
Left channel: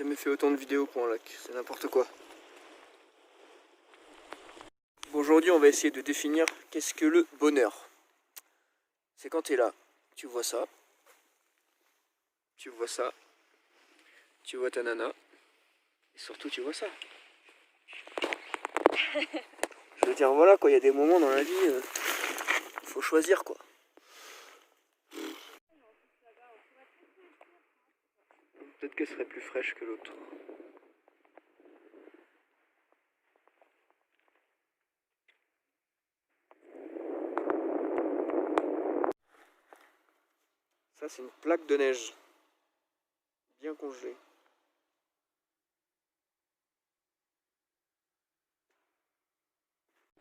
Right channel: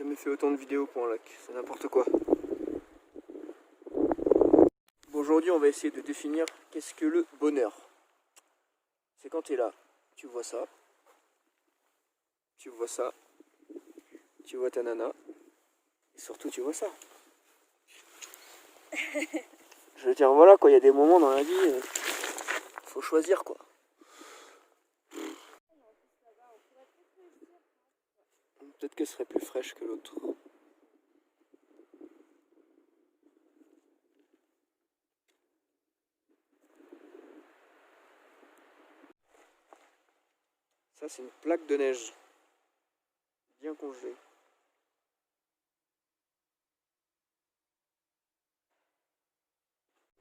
jamais fait autant de vidéos pour un lac, c'est n'importe quoi. Bon, aujourd'hui, on va essayer de définir qu'est-ce que le bonheur. C'est quand tu es là, tu vois ça, tu vois ça, tu vois ta nana, et surtout tu vois ça. Je veux dire, voilà quoi, il y a des moments dans la vie, faut choisir quoi. Peut-être qu'elle serait plus fraîche que l'autre. Ça, c'est une plaque de neige, bien congelée.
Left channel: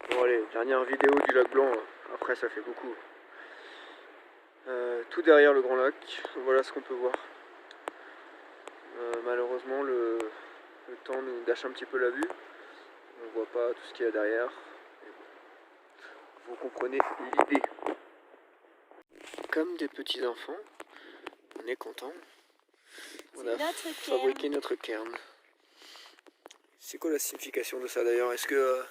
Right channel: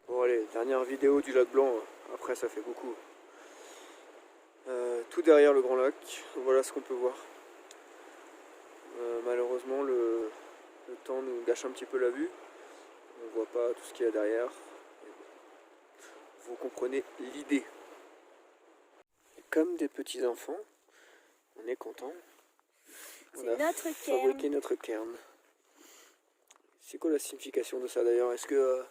Bon allez, dernière vidéo du lac Blanc, après ça fait beaucoup. Tout derrière le grand lac, voilà ce qu'on peut voir. Malheureusement le temps nous gâche un petit peu la vue. On ne voit pas tout ce qu'il y a derrière. Vous comprenez l'idée. Comme des petits enfants, on est content. On a fabriqué notre cairn. C'est quoi la signification de ça d'ailleurs? Est-ce que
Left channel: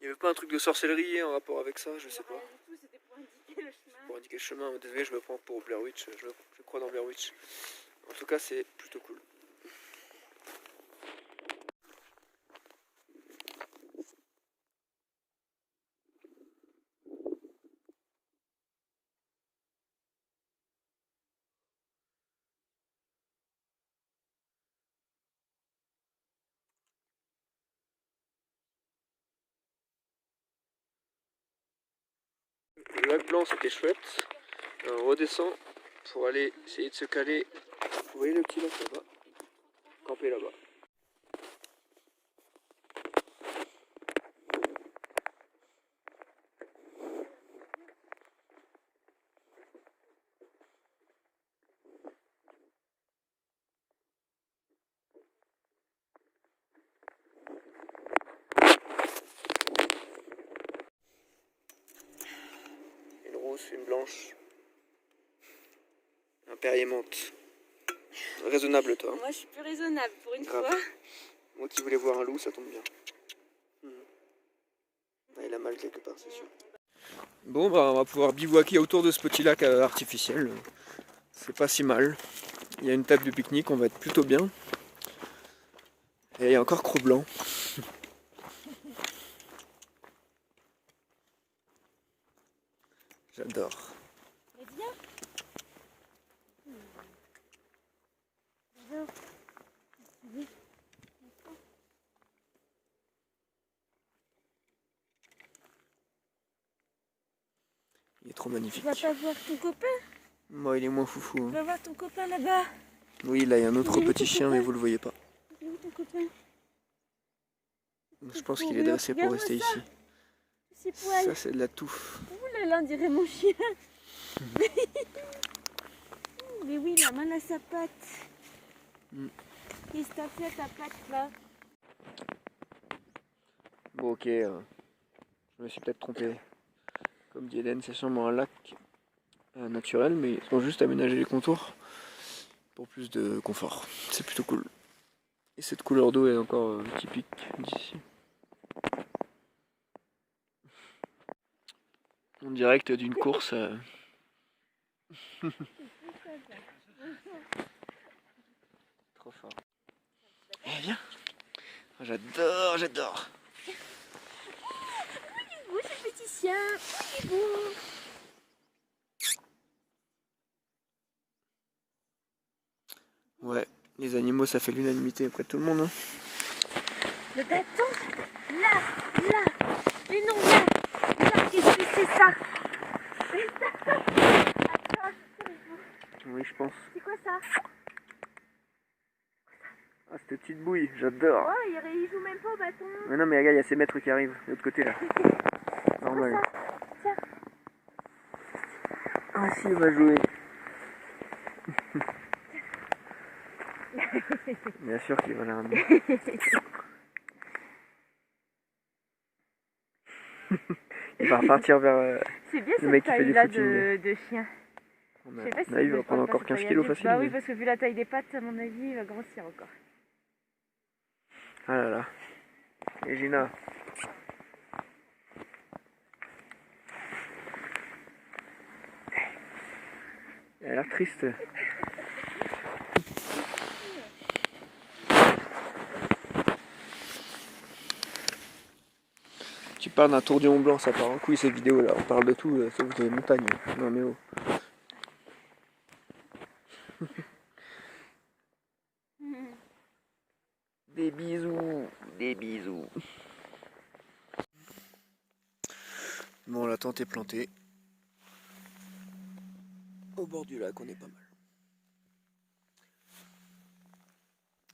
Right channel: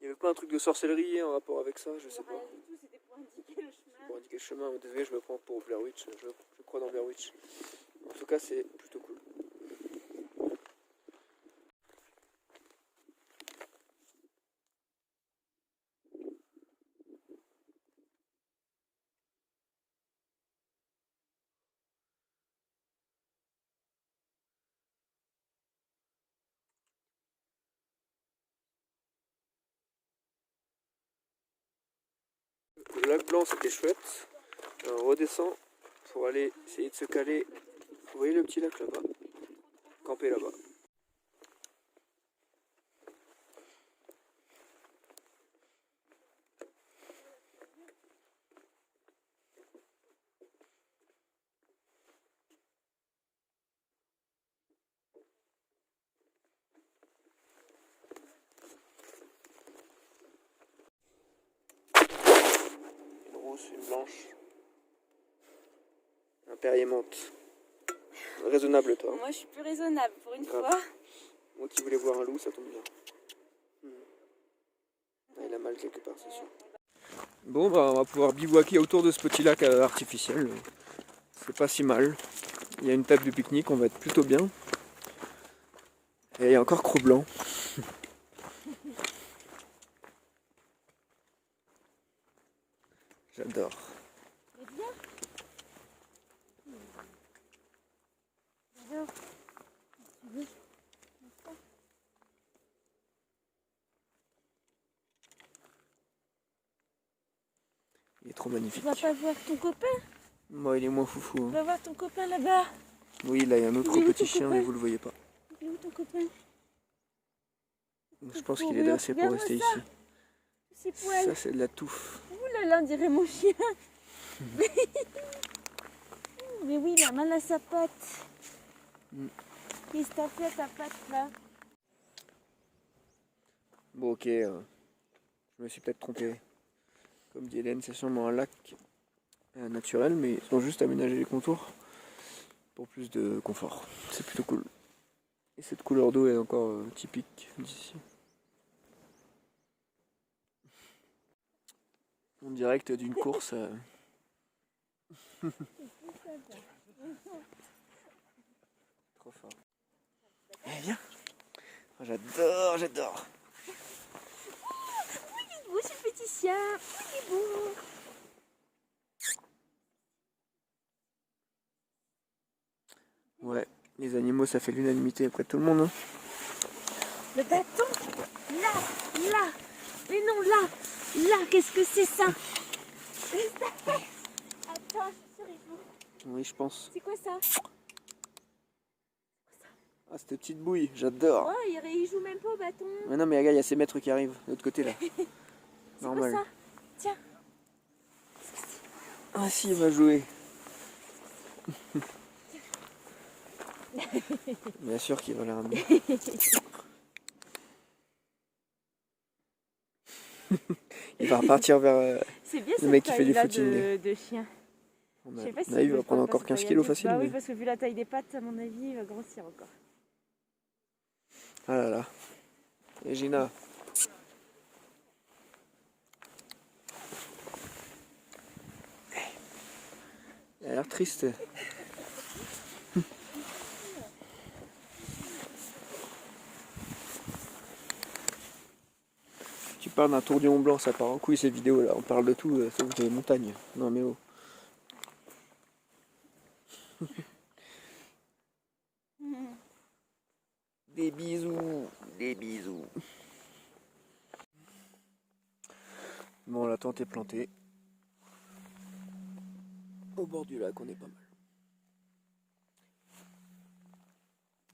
il n'y avait pas un truc de sorcellerie en rapport avec ça? Je sais pas. C'était pour indiquer le chemin. Pour indiquer le chemin. Désolé, je me prends pour Blair Witch. Je crois dans Blair Witch. En tout cas, c'est plutôt cool. Le lac Blanc, c'était chouette. On redescend pour aller essayer de se caler. Vous voyez le petit lac là-bas? Camper là-bas. Une rousse, une blanche. Un Perrier menthe. Raisonnable toi. Moi je suis plus raisonnable pour une Grave. fois. Moi qui voulais voir un loup, ça tombe bien. Ah, il a mal quelque part, c'est sûr. Bon, bah, on va pouvoir bivouaquer autour de ce petit lac artificiel. C'est pas si mal. Il y a une table de pique-nique, on va être plutôt bien. Et il y a encore Cro-Blanc. J'adore. Il est trop magnifique. Tu vas pas voir ton copain? Moi, il est moins foufou. Tu vas voir ton copain là-bas. Oui, là, il y a un autre petit chien, mais vous le voyez pas. Il est où ton copain? Je pense qu'il est dressé pour rester ici. Ses poils. Ça, c'est de la touffe. Ouh là là, on dirait mon chien. Mais oui, il a mal à sa patte. Qu'est-ce que t'as fait à ta patte là? Bon, ok. Je me suis peut-être trompé. Comme dit Eden, c'est sûrement un lac naturel, mais ils ont juste aménagé les contours pour plus de confort. C'est plutôt cool. Et cette couleur d'eau est encore typique d'ici. En direct d'une course. Trop fort. Eh viens. J'adore, j'adore. Où ce petit chien? Il est beau. Ouais, les animaux ça fait l'unanimité après tout le monde. Hein. Le bâton? Là, là. Mais non, là. Là, qu'est-ce que c'est ça? Attends, je suis sur les joues. Oui, je pense. C'est quoi ça? Ah, cette petite bouille, j'adore. Oh, il joue même pas au bâton. Mais non, mais regarde, il y a ces maîtres qui arrivent de l'autre côté là. Normal. Quoi, ça? Tiens. Ah si, il va jouer. Bien sûr qu'il va la ramener. Il va repartir vers le mec qui fait du footing. De chien. Il va prendre encore 15 kilos facile. Bah oui, parce que vu la taille des pattes, à mon avis, il va grossir encore. Ah là là. Et Gina. Elle a l'air triste. Tu parles d'un tour du Mont Blanc, ça part en couille cette vidéo là. On parle de tout, sauf de montagne. Non mais oh. Des bisous, des bisous. Bon, la tente est plantée. Au bord du lac, on est pas mal.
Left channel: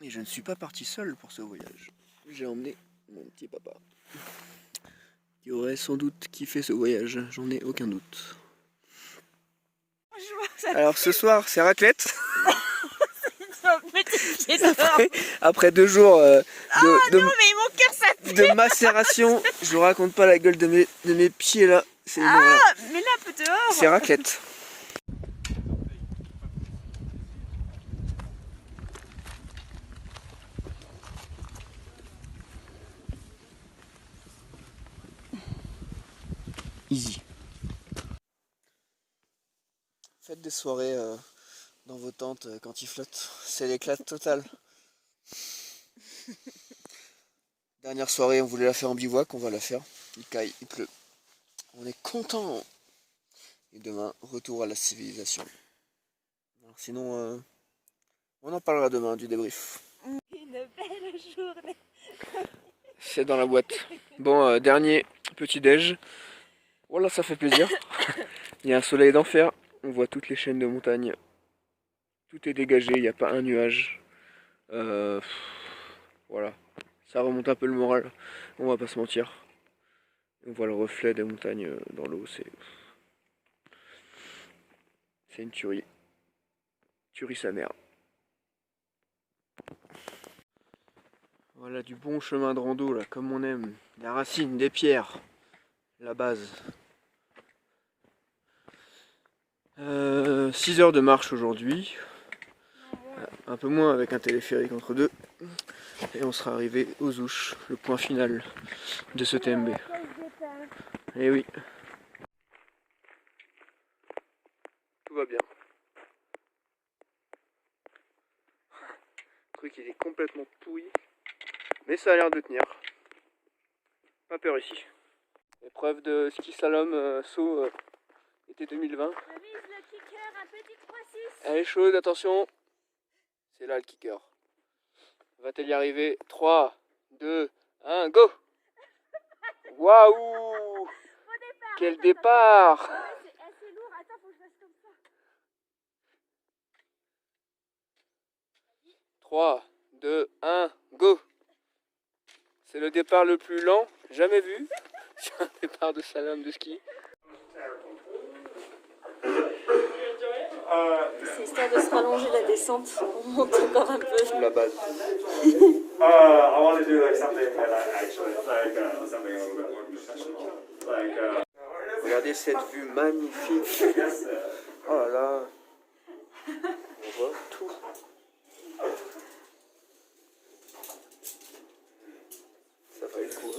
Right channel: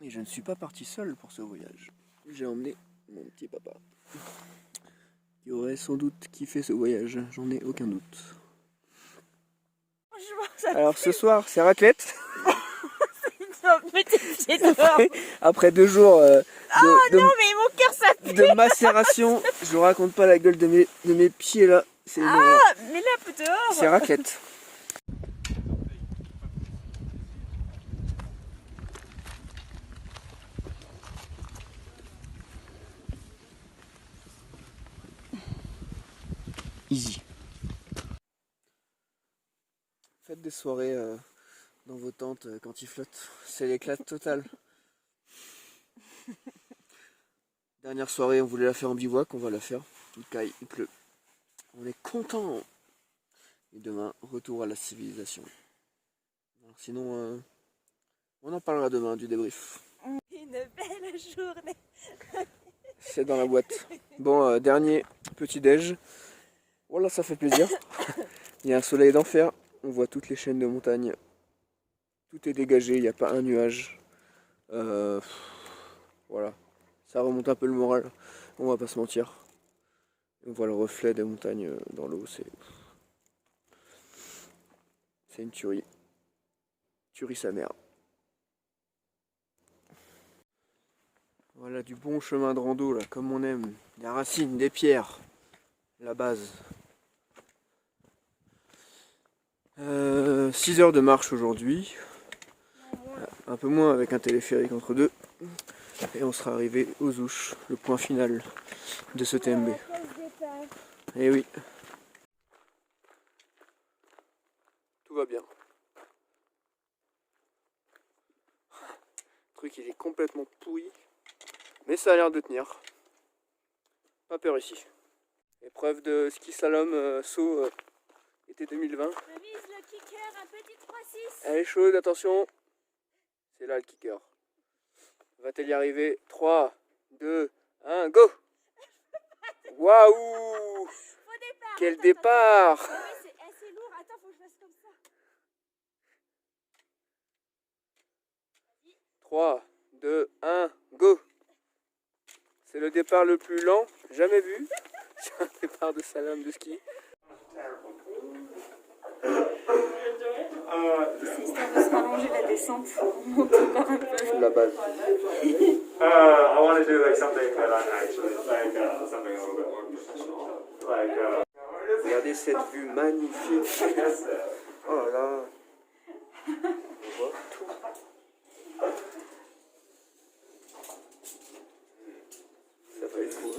Et je ne suis pas parti seul pour ce voyage. J'ai emmené mon petit papa. Qui aurait sans doute kiffé ce voyage, j'en ai aucun doute. Alors ce soir, c'est raclette. Après 2 jours de macération, je vous raconte pas la gueule de mes pieds là. C'est mais là, dehors. C'est raclette. Easy. Faites des soirées dans vos tentes quand il flotte. C'est l'éclate totale. Dernière soirée, on voulait la faire en bivouac, on va la faire. Il caille, il pleut. On est content. Et demain, retour à la civilisation. Alors sinon, on en parlera demain du débrief. Une belle journée. C'est dans la boîte. Bon, dernier petit déj. Voilà, ça fait plaisir. Il y a un soleil d'enfer. On voit toutes les chaînes de montagne. Tout est dégagé, il n'y a pas un nuage. Voilà. Ça remonte un peu le moral. On va pas se mentir. On voit le reflet des montagnes dans l'eau. C'est une tuerie. Tuerie sa mère. Voilà du bon chemin de rando là, comme on aime. La racine, des pierres. La base. 6 heures de marche aujourd'hui. Un peu moins avec un téléphérique entre deux. Et on sera arrivé aux Ouches, le point final de ce TMB. Et oui. Tout va bien. Le truc il est complètement pourri. Mais ça a l'air de tenir. Pas peur ici. Épreuve de ski slalom saut été 2020. Je vise le kicker, un petit 3-6. Elle est chaude, attention. C'est là le kicker. Va-t-elle y arriver? 3, 2, 1, go! Waouh! Quel départ! C'est assez lourd, attends, faut que je fasse comme ça. 3, 2, 1, go! C'est le départ le plus lent jamais vu sur un départ de slalom de ski. C'est histoire de se rallonger la descente. On monte encore un peu. La base. I want to do like something that actually like something a little bit more professional. Like Regardez cette vue magnifique. Oh là là. On voit tout. Ça va être cool.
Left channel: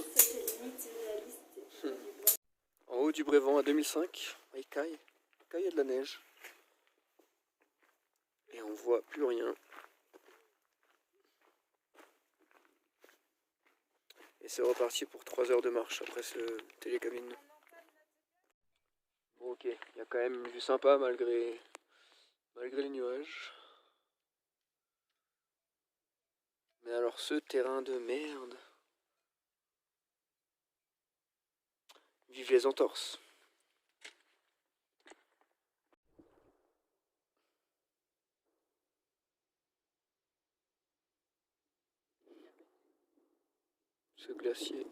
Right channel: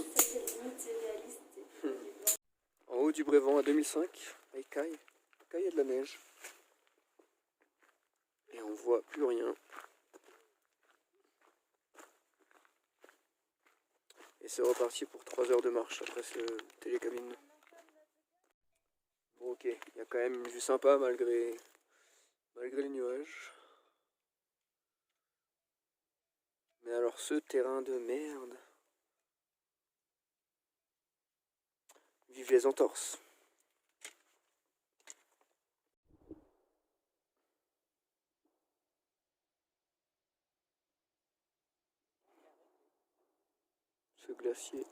En haut du Brévent à 2005, il caille. Il y a de la neige. Et on voit plus rien. Et c'est reparti pour 3 heures de marche après ce télécabine. Bon ok, il y a quand même une vue sympa malgré les nuages. Mais alors ce terrain de merde. Vive les entorses. Ce glacier.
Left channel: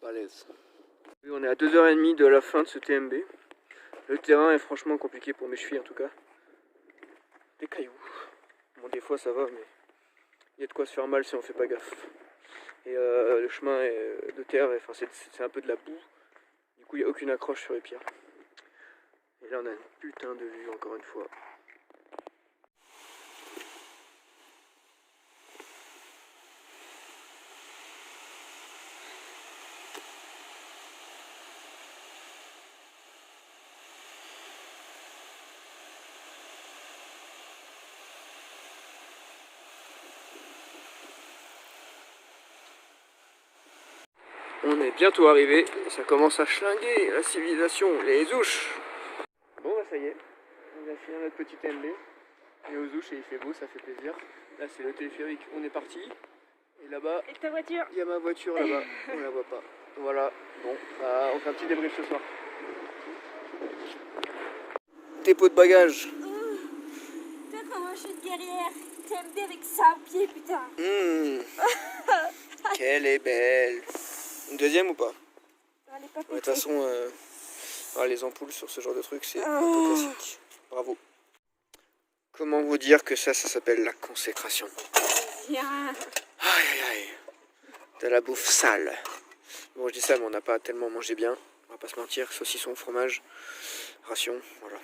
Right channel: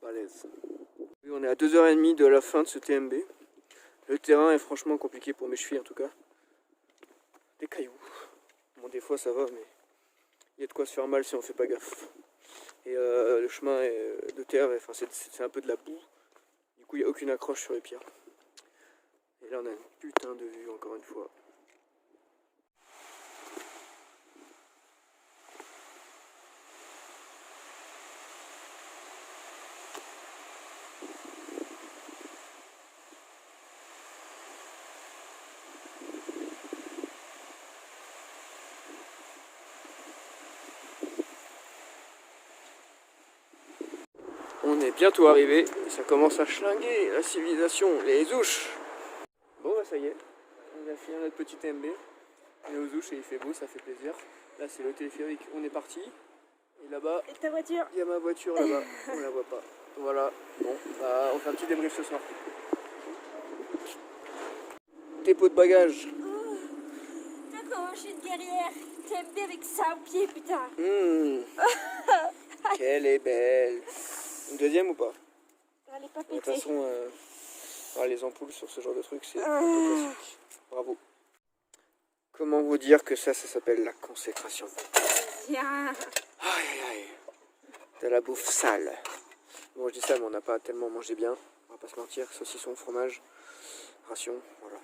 Balèze. Oui, on est à 2h30 de la fin de ce TMB. Le terrain est franchement compliqué pour mes chevilles en tout cas. Des cailloux. Bon des fois ça va mais il y a de quoi se faire mal si on fait pas gaffe. Et le chemin est de terre, enfin c'est un peu de la boue. Du coup il n'y a aucune accroche sur les pierres. Et là on a une putain de vue encore une fois. On est bientôt arrivé et ça commence à schlinguer la civilisation, les ouches. Bon bah ça y est, on vient finir notre petit TMB. Et aux ouches et il fait beau, ça fait plaisir. Là c'est le téléphérique, on est parti. Et là-bas, Et ta voiture? il y a ma voiture là-bas, on la voit pas. Voilà, bon, bah, on fait un petit débrief ce soir. Dépôt de bagages. Putain, comment je suis une guerrière. TMB avec ça au pied, putain. Qu'elle est belle. Une deuxième ou pas? Elle est pas De toute pétée. façon, les ampoules sur ce genre de truc, c'est un peu classique. Bravo. Comment vous dire que ça s'appelle la consécration? Viens. Aïe aïe aïe. De la bouffe sale. Bon, je dis ça, mais on n'a pas tellement mangé bien. On va pas se mentir. Saucisson, fromage, ration, voilà.